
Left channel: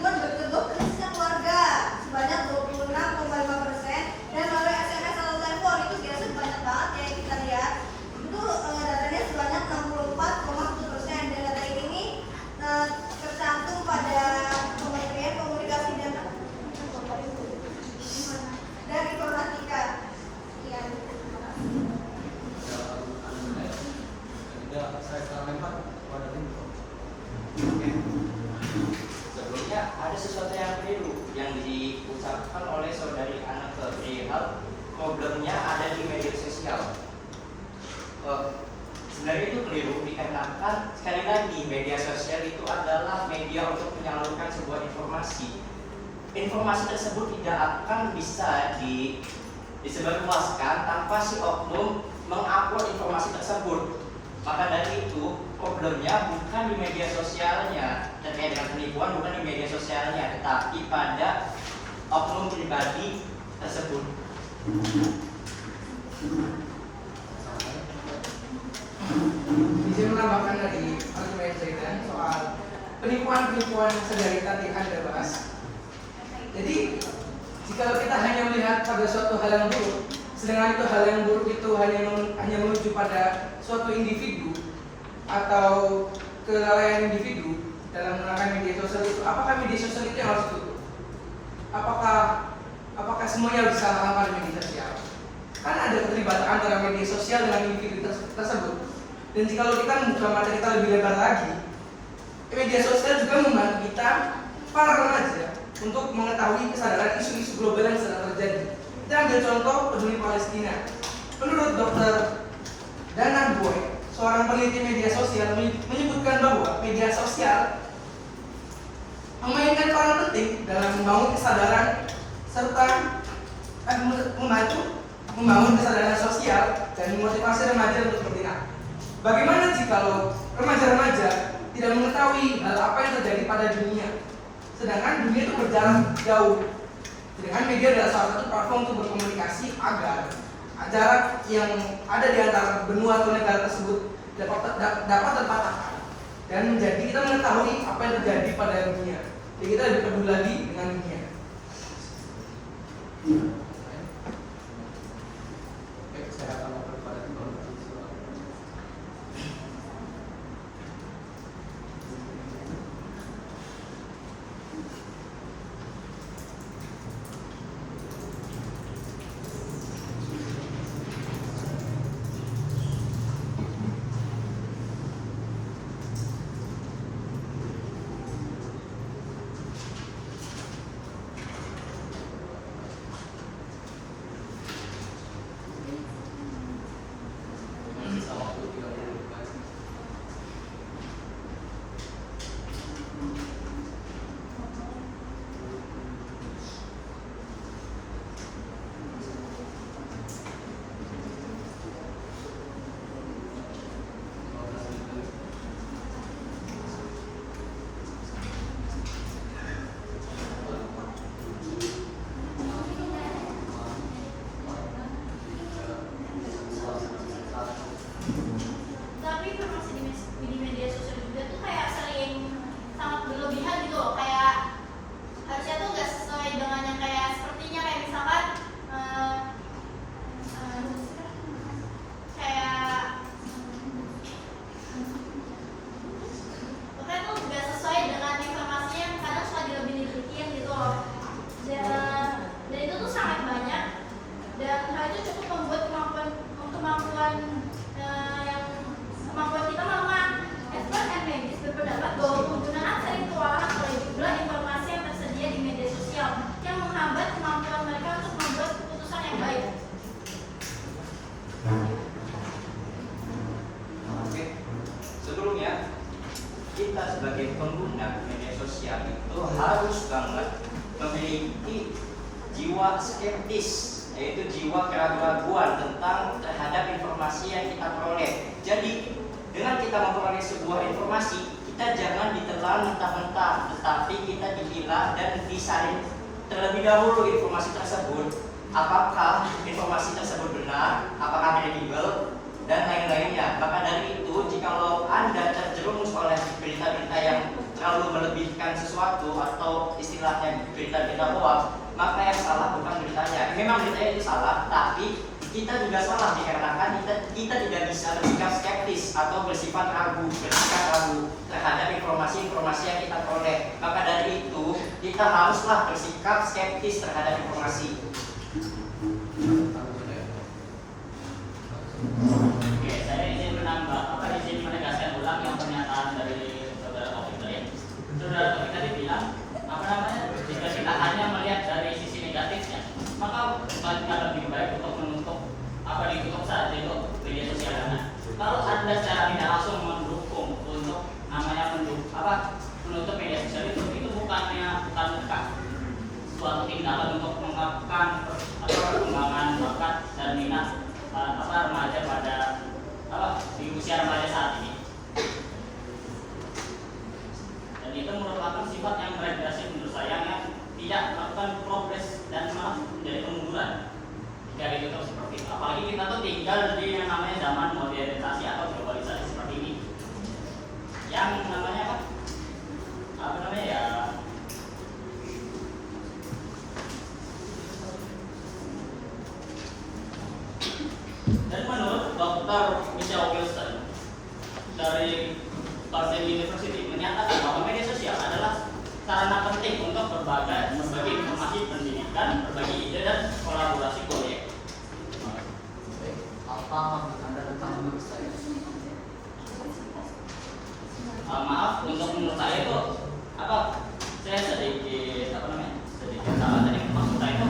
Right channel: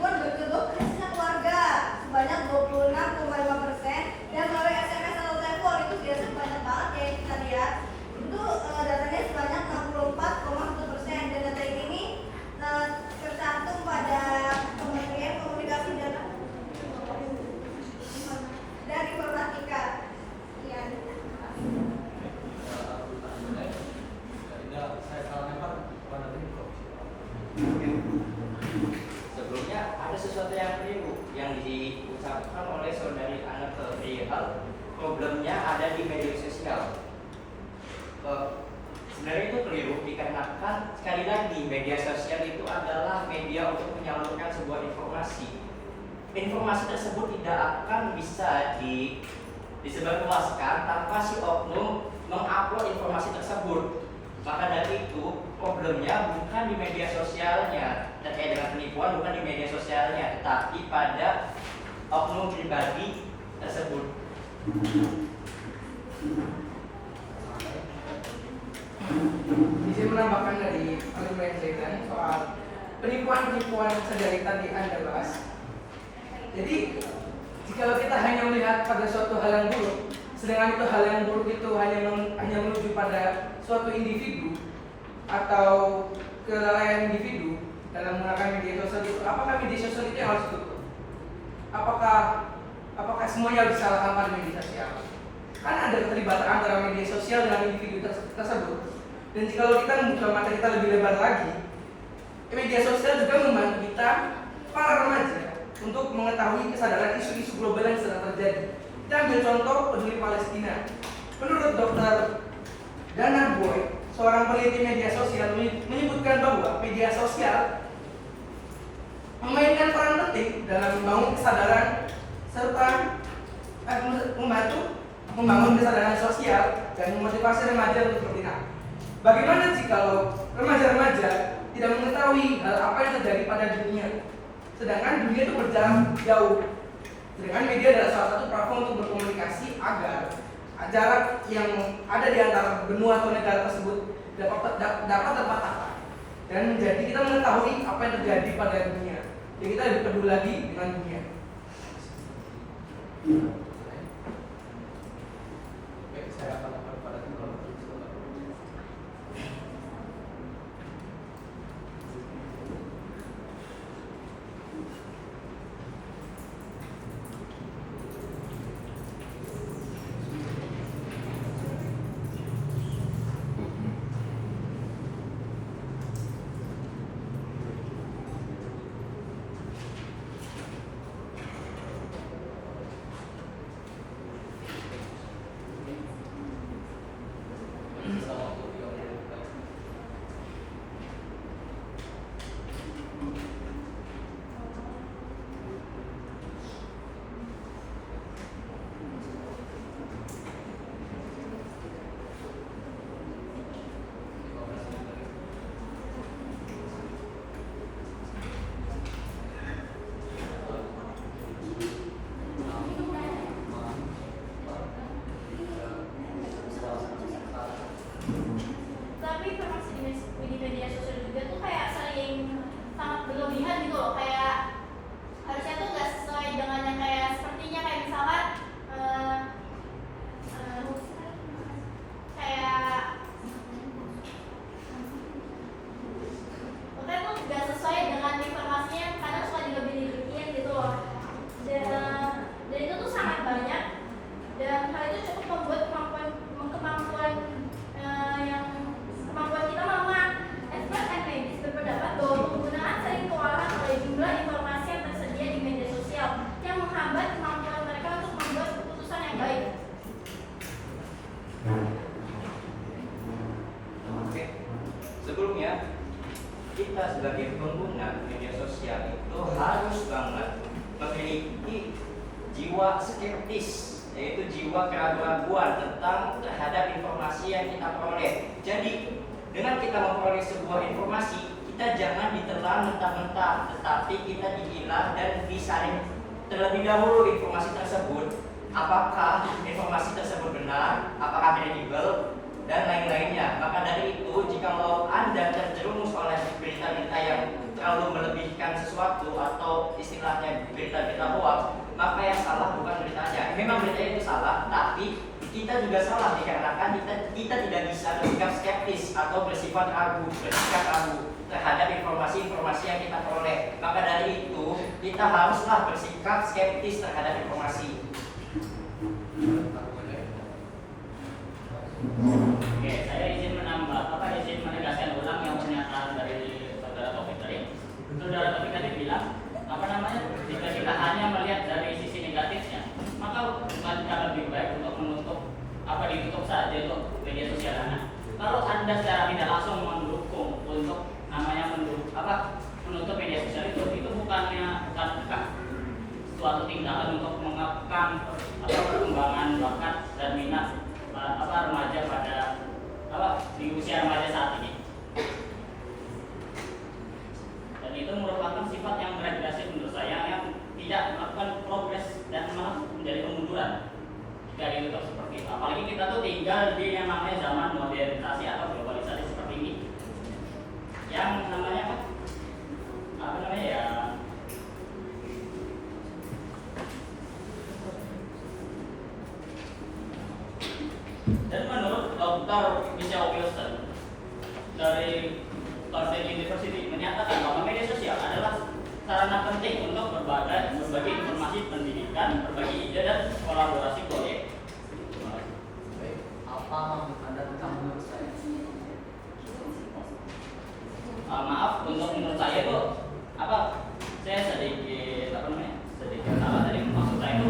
ribuan berkedok krisis keluarga sebanyak 26,5%, dan melalui SMS atau telepon itu biasa banyak banget ya kita lihat. Itu datanya sebanyak 64,1%, dan data ini tercantum pada Kementerian Komunikasi dan Informatika. Ya. Saya salah lempar pada tim. Sebelumnya ada sesuatu yang keliru yang diucapkan oleh saudari Ana perihal problemnya ada di media sosial. Sebenarnya itu keliru dikarenakan sekali lagi media sosial itu adalah media untuk menyalurkan sebuah informasi. Informasi tersebut tidak akan bisa disebarluaskan tanpa si oknum mengupload informasi tersebut. Maka dari itu problemnya bukan di media sosialnya terkait dengan penipuan, bukan di media sosialnya, tetapi pada oknum pribadi tersebut. Bisa menambahkan dari argumen saya soal penipuan-penipuan sedari tadi Anda bahas. Jadi jika kita hanya melihat pada suatu hal yang buruk, sedangkan itu hal yang buruk itu hanya menuju pada suatu individu atau kelalaian individu dalam menggunakan media sosial itu, apakah media sosial itu yang harus ditutup? Apakah semuanya harus disalahkan pada media sosial? Karena ada keterlibatan antara media sosial dengan individu tersebut. Dan jika kita membuka mata kita lebih lebar lagi, media sosial juga membantu kita para remaja untuk mengetahui kesadaran isu-isu global yang sedang terjadi. Kita ambil contoh peduli Palestina. Menurut Dr. Dana Boyd, seorang peneliti media sosial, menyebutkan bahwa media sosial memainkan peran penting dalam membangun kesadaran serta membangun kesadaran sosial dan memotivasi remaja untuk bertindak. Bagaimana jika remaja-remaja tidak mengetahui hal apa yang terjadi pada dunia, sedangkan dunia itu berjalan jauh. Sedangkan media adalah salah satu platform untuk berkomunikasi agar jarak yang ada di antara benua atau negara tersebut dapat terpatahkan dan menjadi kita mengetahui apa yang terjadi pada dunia. Jadi kita lebih peduli lagi dengan dunia. Baik, saya akan lakukan pada tim. Tapi informasi di media sosial juga tuh kayak sering sangat berlebihan gitu loh, kayak harusnya tuh nggak sesuai dengan yang kayak sepertinya, kayak misalkan kayak pokoknya tuh nggak sesuai dengan informasinya, kadang suka dilebih-lebihin gitu loh, dan itu tuh sangat banyak, dan hal itu cukup membuat kemampuan kita melemah. Expert and medis berpendapat bahwa penggunaan sering kewalahan oleh jumlah informasi yang tersedia di media sosial yang menghambat kemampuan mereka untuk membuat keputusan yang baik. Oke. Sebelumnya kita sebagai pengguna media sosial itu harus banget memiliki jiwa skeptis, yaitu jiwa keraguan terhadap informasi yang kita peroleh. Jadi dengan kita memperoleh sebuah informasi, kita jangan ditelan mentah-mentah, tetapi kita dipilah dan disaring terlebih dahulu informasi tersebut. Apakah informasi tersebut benar, apakah kredibel, dan lain-lainnya. Maka dari itu, jikalau Anda terjerumus oleh berita-berita yang terlalu melebihkan sesuatu atau istilahnya berita-berita hoax, maka yang salah bukan beritanya. Memang beritanya itu salah, tapi kita juga salah dikarenakan kita tidak bisa bersikap skeptis atau bersikap ragu terhadap informasi-informasi yang kita peroleh. Maka dari itu kita haruslah bersikap skeptis terhadap informasi. Oke, saya izin menegaskan ulang yang pernyataan dari saudara Taufik tadi. Saudara Taufik tadi bilang, jika kita hanya melihat dari sisi negatifnya, maka bukankah lebih baik untuk ditutup saja untuk media sosial dana. Kalau Anda secara tidak langsung mendukung untuk menutup media sosial itu bukan suatu tindakan untuk mengekang perkembangan bakat dan minat remaja pada di usia remaja saat ini. Dan itu merupakan sifat yang berdegradasi menurut saya, yang tidak melakukan progres dan malah menjadi kemunduran. Jika itu seperti itu, apalagi kita tuh tinggal di yang namanya zaman modernisasi atau globalisasi seperti ini, yang namanya dan menurut Dr. Michelle Wilson dari Cornell University menyatakan bahwa media sosial adalah sarana penting untuk berbagi informasi pendidikan, berbagi ide dan kolaborasi proyek. Apa Anda tentang menurut saya? Maaf, untuk menurut saya itu saya sedikit tadi maksud saya itu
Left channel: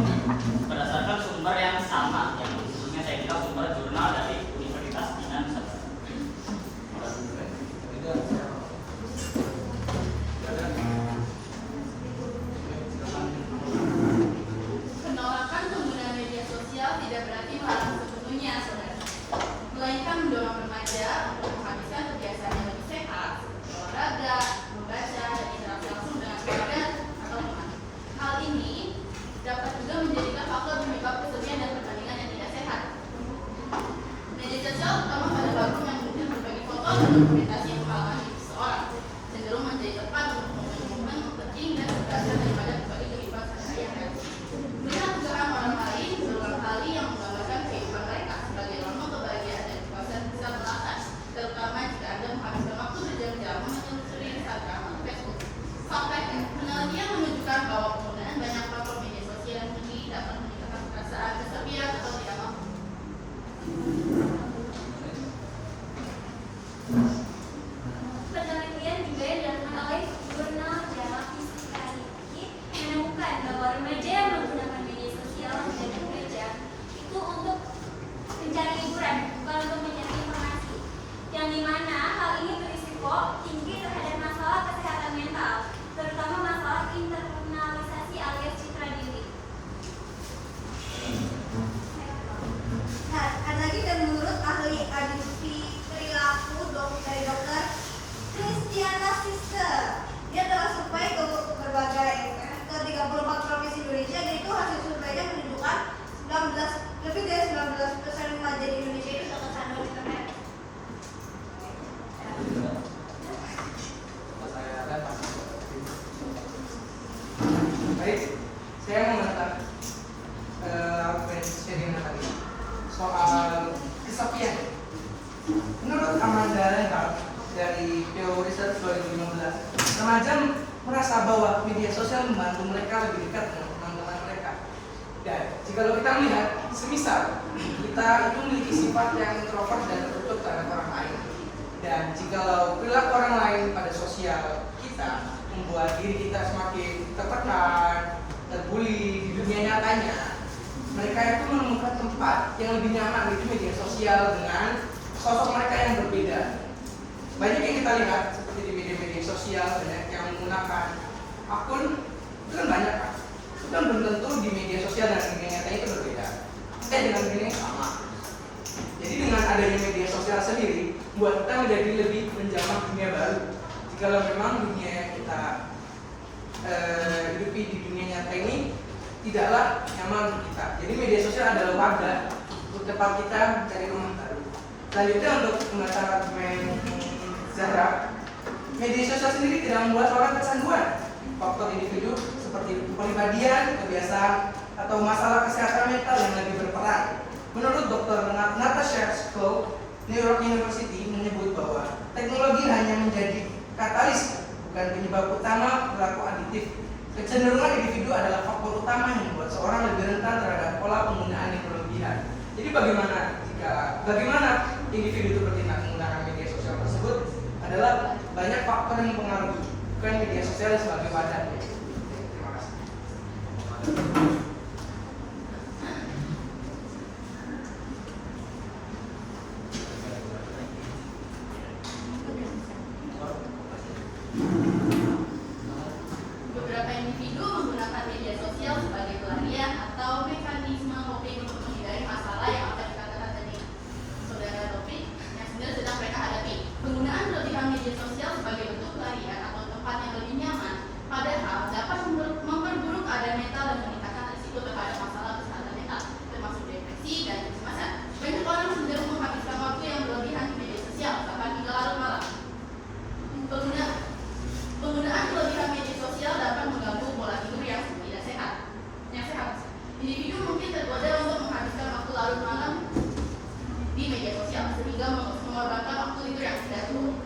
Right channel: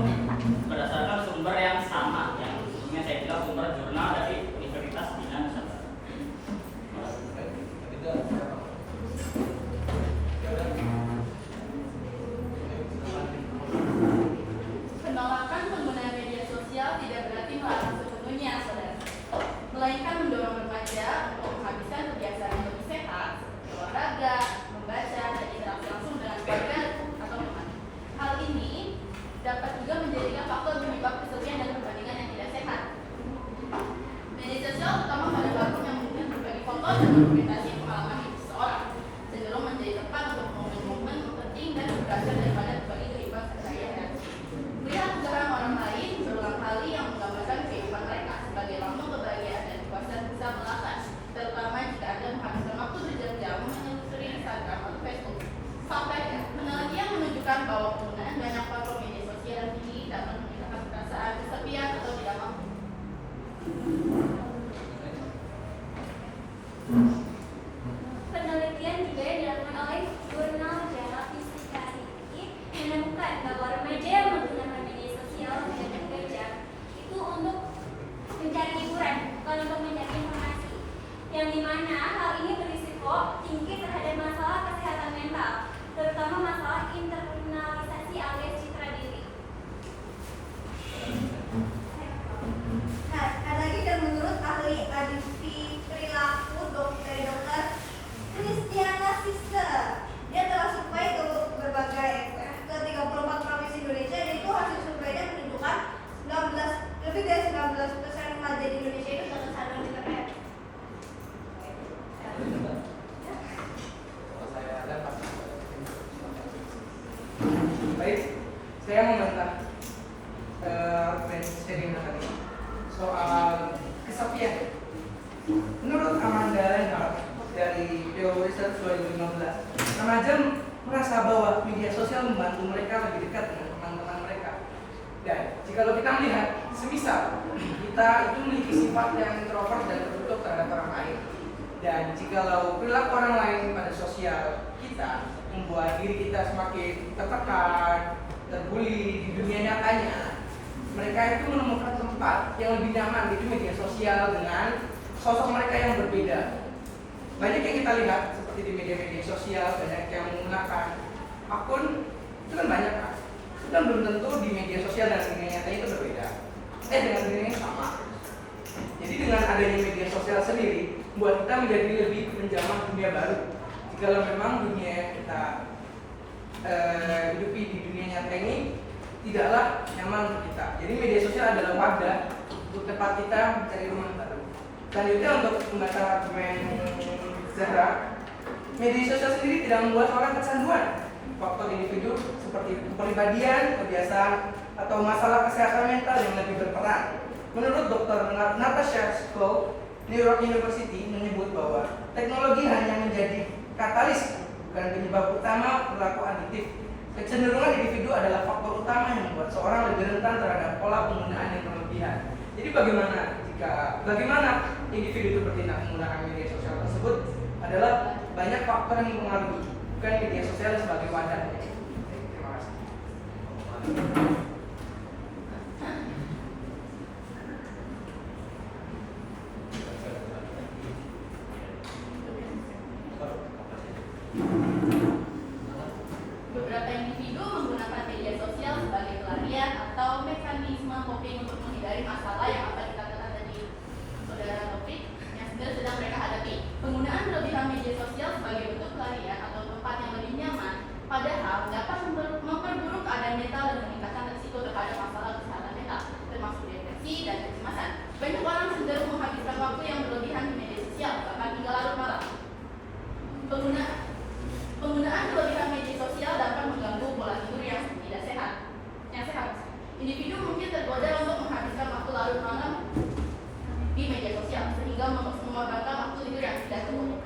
berdasarkan sumber yang sama, yang khususnya saya bilang sumber jurnal dari Universitas Dinan Nusantara. Penolakan penggunaan media sosial tidak berarti melarang sepenuhnya, saudara, melainkan mendorong remaja untuk menghabiskan kebiasaan yang lebih sehat, olahraga, membaca, dan interaksi langsung dengan keluarga atau teman. Hal ini dapat juga menjadikan faktor penyebab kesepian dan perbandingan yang tidak sehat. Media sosial, terutama pada platform yang mungkin berbagi foto dan dokumentasi pengalaman hidup seseorang, cenderung menjadi tempat untuk momen-momen penting dan berhasil daripada berbagi kehidupan sehari-hari. Melihat unggahan orang lain berulang kali yang menggambarkan kehidupan mereka sebagai lambang kebahagiaan dan kepuasan bisa melatan, terutama jika Anda menghabiskan waktu berjam-jam menelusuri Instagram atau Facebook. Faktanya, penelitian menunjukkan bahwa penggunaan banyak platform media sosial ini dapat meningkatkan perasaan kesepian atau tidak mampu. Penelitian juga yang dilakukan oleh jurnal Jarak Psikologi menemukan bahwa remaja yang menggunakan media sosial dan gereja itu untuk mencari hiburan, bukan untuk mencari informasi, yang dimana hal ini berisiko tinggi terhadap masalah kesehatan mental, terutama masalah internalisasi alias citra diri. Nah, ada lagi, dan menurut ahli adiksi perilaku dari dokter Christiana Sister, dia telah survei ke berbagai ke 34 provinsi Indonesia, dan itu hasil surveinya menunjukkan lebih dari 19% remaja di Indonesia itu terkesan internet. Baik, saya membantah statement tadi soal kesepian. Menurut Amanda Lenhart dari Pew Research 2015, remaja merasa bahwa media sosial membantu mereka lebih dekat dengan teman-teman mereka. Dan jika kita melihat, semisal kita itu memiliki sifat yang introvert dan tertutup terhadap orang lain, dan jikalau perilaku orang lain pada sosial kita membuat diri kita semakin tertekan, terbuli di dunia nyatanya, mereka itu menemukan tempat yang lebih nyaman di media sosial dengan sosok mereka yang berbeda. Banyak yang kita lihat seperti di media-media sosial, banyak yang menggunakan akun, itu kan banyak kan? Itu kan belum tentu di media sosial dan di dunia nyata itu berbeda. Dengan dunia yang sama. Jadi dengan adanya media sosial sendiri, buat kita menjadi lebih menjamah dunia baru. Jika memang dunia yang kita hidupi di dunia nyata ini tidaklah nyaman untuk kita. Jadi media sosial adalah wadah untuk tempat kita mencari rumah baru. Selanjutnya untuk pembahasan argumen Zahra, media sosial sendiri tidak membuat orang kecanduan. Faktor individu seperti kepribadian, kebiasaan, atau masalah kesehatan mental yang lagi berperan. Menurut Dr. Natasha Skov, New York University menyebut bahwa teknologi hanya menjadi katalis, bukan penyebab utama perilaku adiktif. Kecenderungan individu adalah faktor utama yang membuat seorang lebih rentan terhadap pola penggunaan yang berlebihan. Jadi bagaimana individu itu bertindak menggunakan media sosial tersebut adalah banyak faktor yang mempengaruhi, bukan media sosial sebagai wadahnya. Terima kasih. Beberapa individu menggunakan media sosial sebagai pelarian atau mekanisme coping untuk menghindari masalah yang apa dikatakan tadi saudara Taufik yang sebenarnya sedang mereka hadapi. Penggunaan berlebihan media sosial sebagai bentuk pelarian atau tempat yang lebih nyaman, padahal dapat memperburuk keadaan mental dan meningkatkan risiko terhadap masalah kesehatan mental, termasuk depresi dan kecemasan. Banyak orang cenderung menghabiskan waktu yang berlebihan di media sosial, bahkan hingga larut malam. Penggunaan berlebihan media sosial dapat mengganggu pola tidur yang tidak sehat. Individu mungkin tergoda untuk menghabiskan waktu larut malam di media sosial sehingga mengorbankan waktu tidur yang tidak cukup.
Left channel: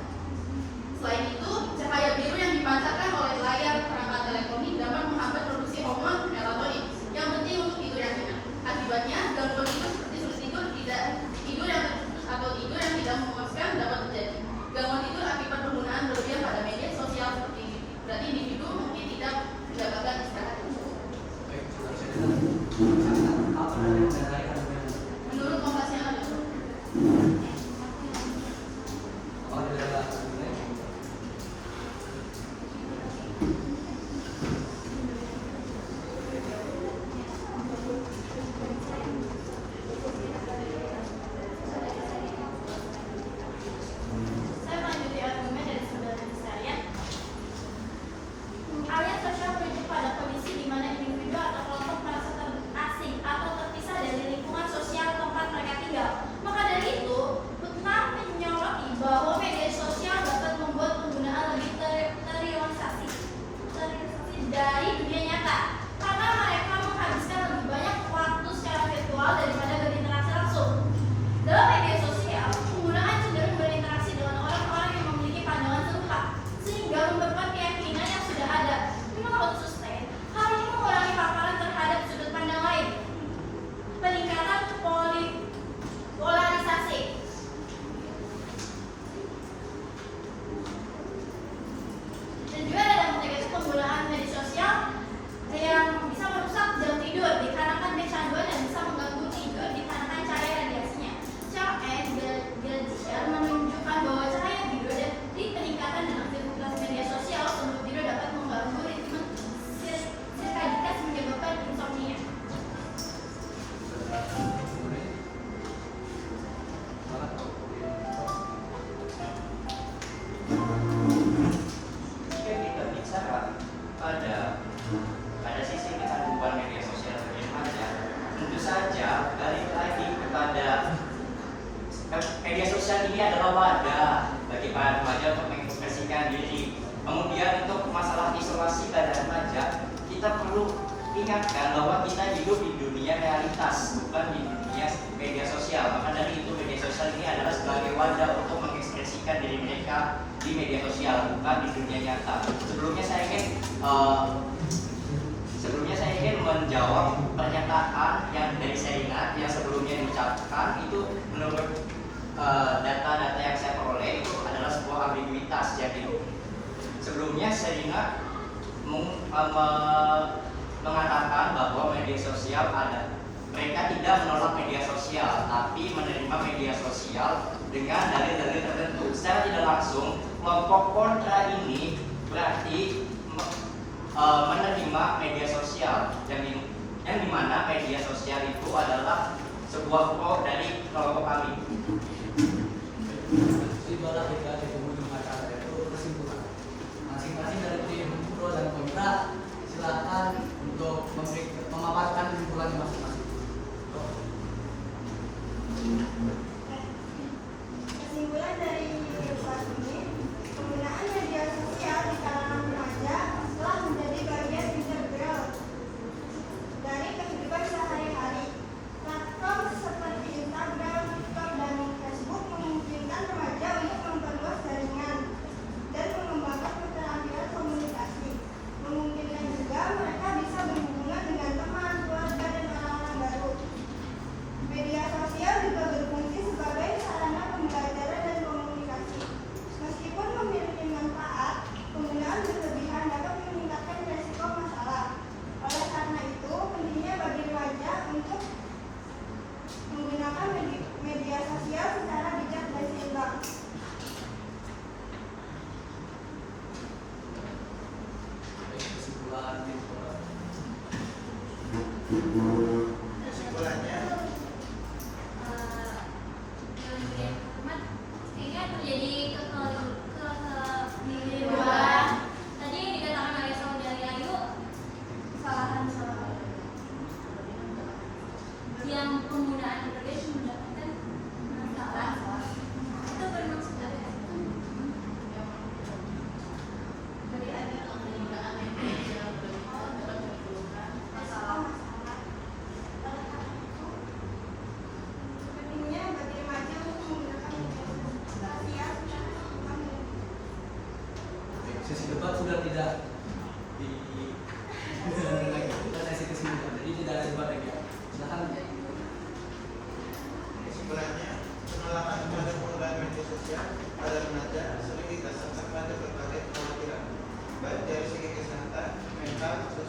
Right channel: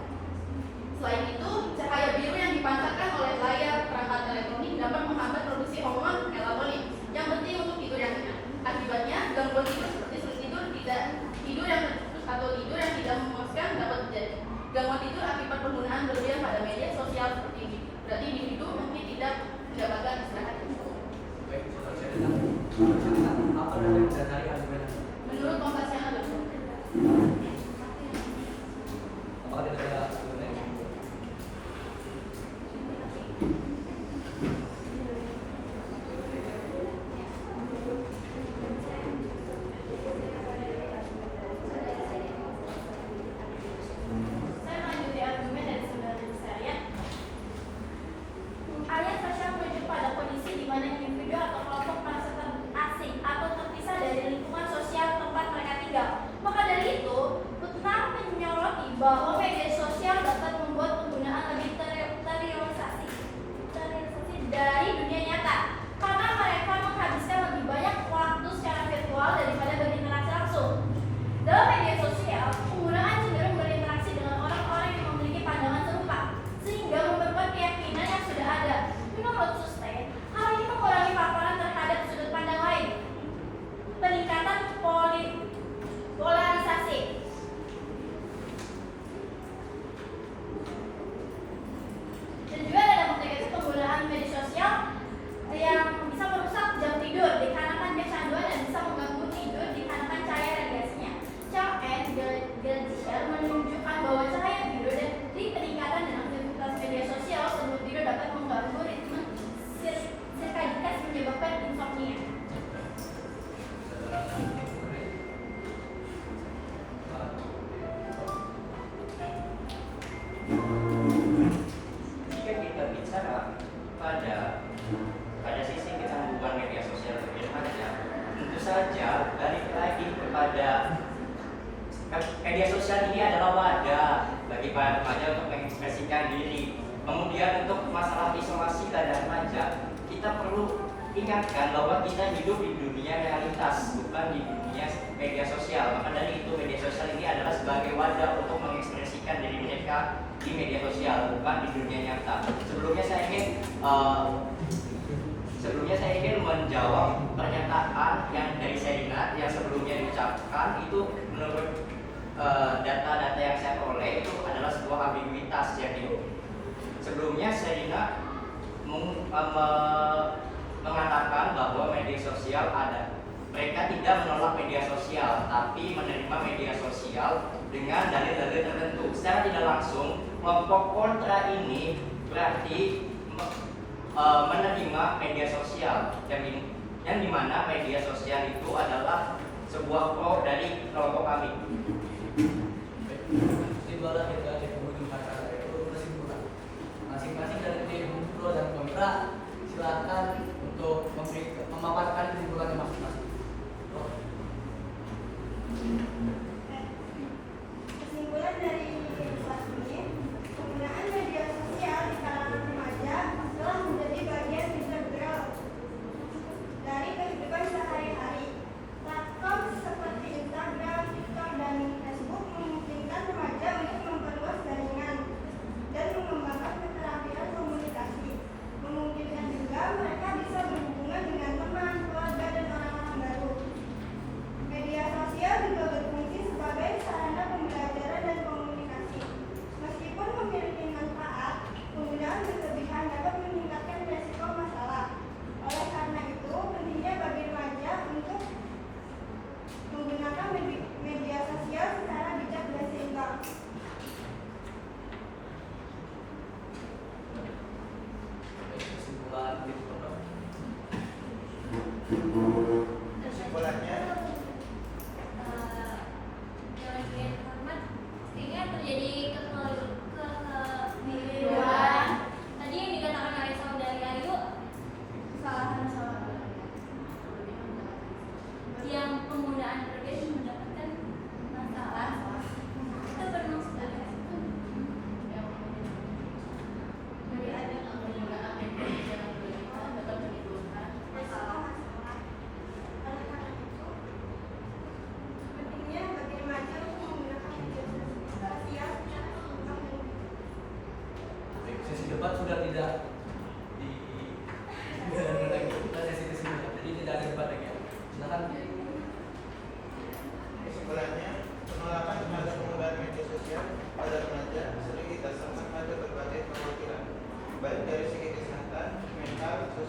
Selain itu, cahaya biru yang dipancarkan oleh layar perangkat elektronik dapat menghambat produksi hormon melatonin yang penting untuk tidur yang nyenyak. Akibatnya, gangguan tidur seperti sulit tidur yang tidak memuaskan dapat terjadi. Gangguan tidur akibat penggunaan berlebihan pada media sosial seperti ini. Berarti individu mungkin tidak mendapatkan istirahat yang cukup. Apa dari argumen? Menurut Kompasiana betul. Apakah tidak ada argumen? Saya melanjuti argumen dari saudara saya. Alias sosial merujuk pada kondisi di mana individu atau kelompok merasa asing atau terpisah dari lingkungan sosial tempat mereka tinggal. Maka dari itu, Putnam menyoroti bahwa media sosial dapat membuat penggunaan lebih terrealisasi dari dunia nyata, karena mereka menghabiskan lebih banyak waktu secara virtual daripada berinteraksi langsung. Dalam media sosial, penggunaan cenderung berinteraksi dengan orang-orang yang memiliki pandangan serupa, sehingga memperkuat keyakinan yang sudah ada. Menurut Sustain, hal ini mengurangi paparan terhadap sudut pandang lain, peningkatan polarisasi. Dan juga ada dampak negatif penggunaan media sosial yang bisa merusak jam tidur dikarenakan kecanduan dan bisa mengganggu tidur dikarenakan cahaya radiasinya. Charles and Geldscher menunjukkan bahwa cahaya biru dan peningkatan dan aktivitas media sosial sebelum tidur dapat mengganggu ritme sirkadian menyebabkan insomnia. Jika kita bicara pada sisi kecanduan media sosial bagi remaja, tentu saja balik lagi kepada media sosial ini adalah wadah bagi para remaja untuk mengekspresikan diri. Kemudian untuk masalah isolasi pada remaja, kita perlu ingatkan bahwa kita hidup di dunia realitas, bukan di dunia media sosial. Maka dari itu media sosial ini adalah sebagai wadah untuk mengekspresikan diri mereka di media sosial, bukan di dunia nyata. Sebelumnya saya ingin menjawab pernyataan yang dari Serina yang sebelumnya diucapkan itu menurut data-data yang saya peroleh itu adalah sebuah ambiguitas. Jadi sebelumnya Serina mengatakan bahwa media sosial ada. Mereka tidak menolak media sosial, tapi menerima media sosial dengan dalil-dalil tertentu. Secara tidak langsung, kelompok kontra ini berarti menerima media sosial yang dimana media sosial itu adalah sebuah kelompok dari kelompok kami. Tibalah kita di penghujung acara itu kesimpulan. Masing-masing dari tim pro dan kontra silakan untuk memaparkan kesimpulannya masing-masing. Kesimpulan dari kelas ini, penggunaan media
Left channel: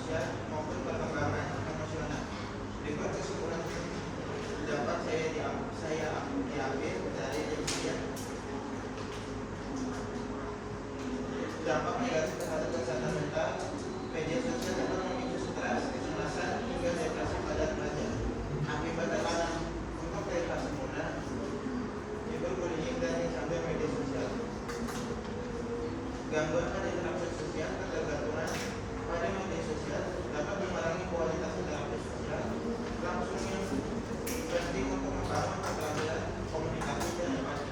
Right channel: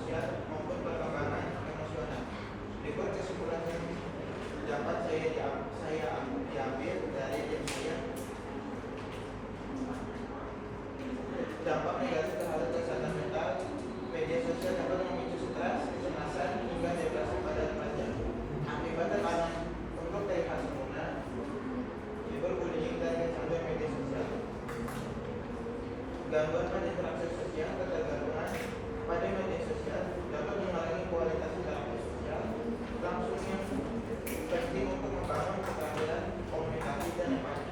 sosial maupun perkembangan emosional. Berikut kesimpulan yang dapat saya diambil dari kajian. Dampak negatif terhadap kesehatan mental, media sosial dapat memicu stres, kecemasan, hingga depresi pada remaja. Akibat tekanan untuk privasi muda, cyberbullying dan campur media sosial. Gangguan pada interaksi sosial, ketergantungan pada media sosial dapat mengurangi kualitas interaksi sosial. Langsungnya penting untuk membangun keterampilan komunikasi dan empati.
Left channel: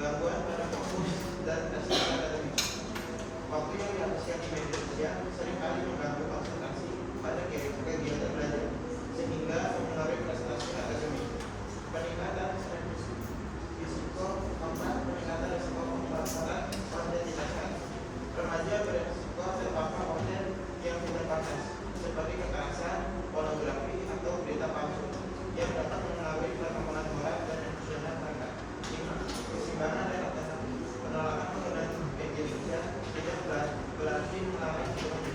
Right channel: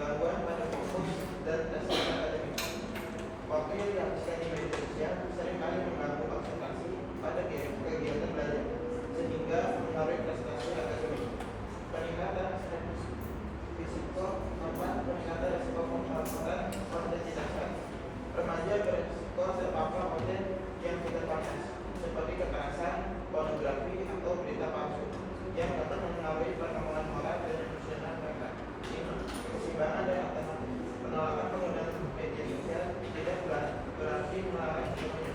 Gangguan pada fokus dan prestasi akademik. Waktu yang dihabiskan di media sosial seringkali mengganggu konsentrasi pada kegiatan belajar, sehingga mengaruhi prestasi akademik. Peningkatan risiko pemaparan konten tidak sehat. Remaja berisiko terpapar konten yang tidak pantas, seperti kekerasan, pornografi, atau berita palsu, yang dapat mempengaruhi perkembangan moral dan emosional mereka. Keseimbangan dan alternatif. Penolakan penggunaan media sosial tidak berarti melarang semuanya,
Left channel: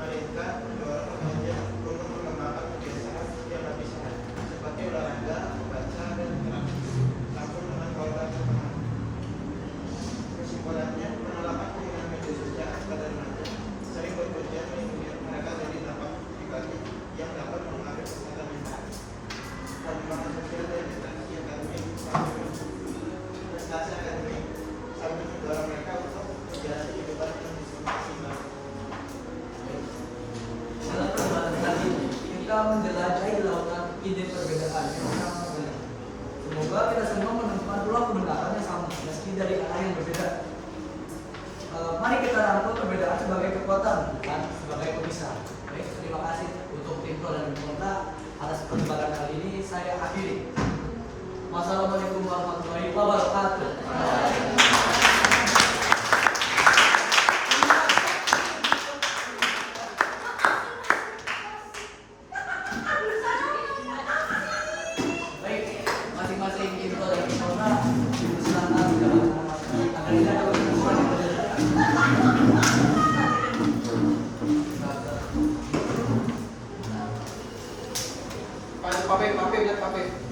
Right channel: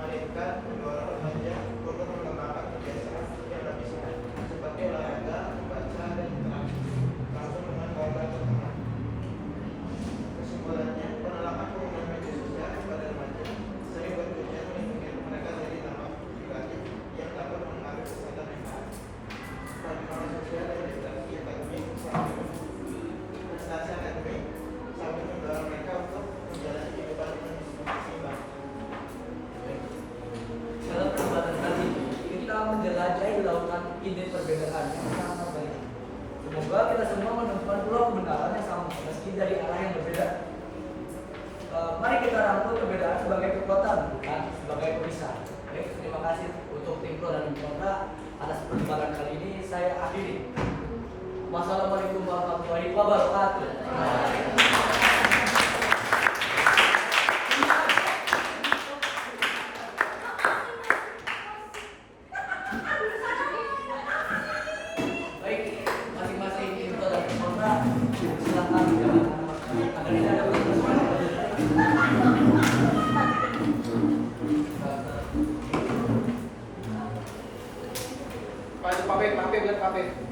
melainkan mendorong remaja untuk mengembangkan kebiasaan yang lebih sehat, seperti olahraga, membaca, dan interaksi langsung dengan keluarga atau teman. Kesimpulannya, penolakan penggunaan media sosial pada remaja sering bertujuan melindungi mereka dari dampak negatif yang dapat mengaruhi kesehatan mental, perkembangan sosial, dan interaksi akademik sampai prestasi akademik, sambil mendorong mereka untuk menjalani kehidupan yang seimbang. Dalam perjalanan kali ini, kita menjelajahi lautan ide perbedaan yang sangat banyak. Semoga kita semua menemukan pulau kebenaran yang sama, meski dari arah yang berbeda. Mari kita rangkul perbedaan sebagai kekuatan, bukan sebagai pemisah. Baik, terima kasih untuk tim Pro dan Kontra atas pertemuan kali ini. Saya akhiri. Wassalamualaikum warahmatullahi wabarakatuh. Baik, masing-masing tim Pro dan Kontra silakan jalan agar tidak ada kesimpulan yang berbeda. Pak Papip.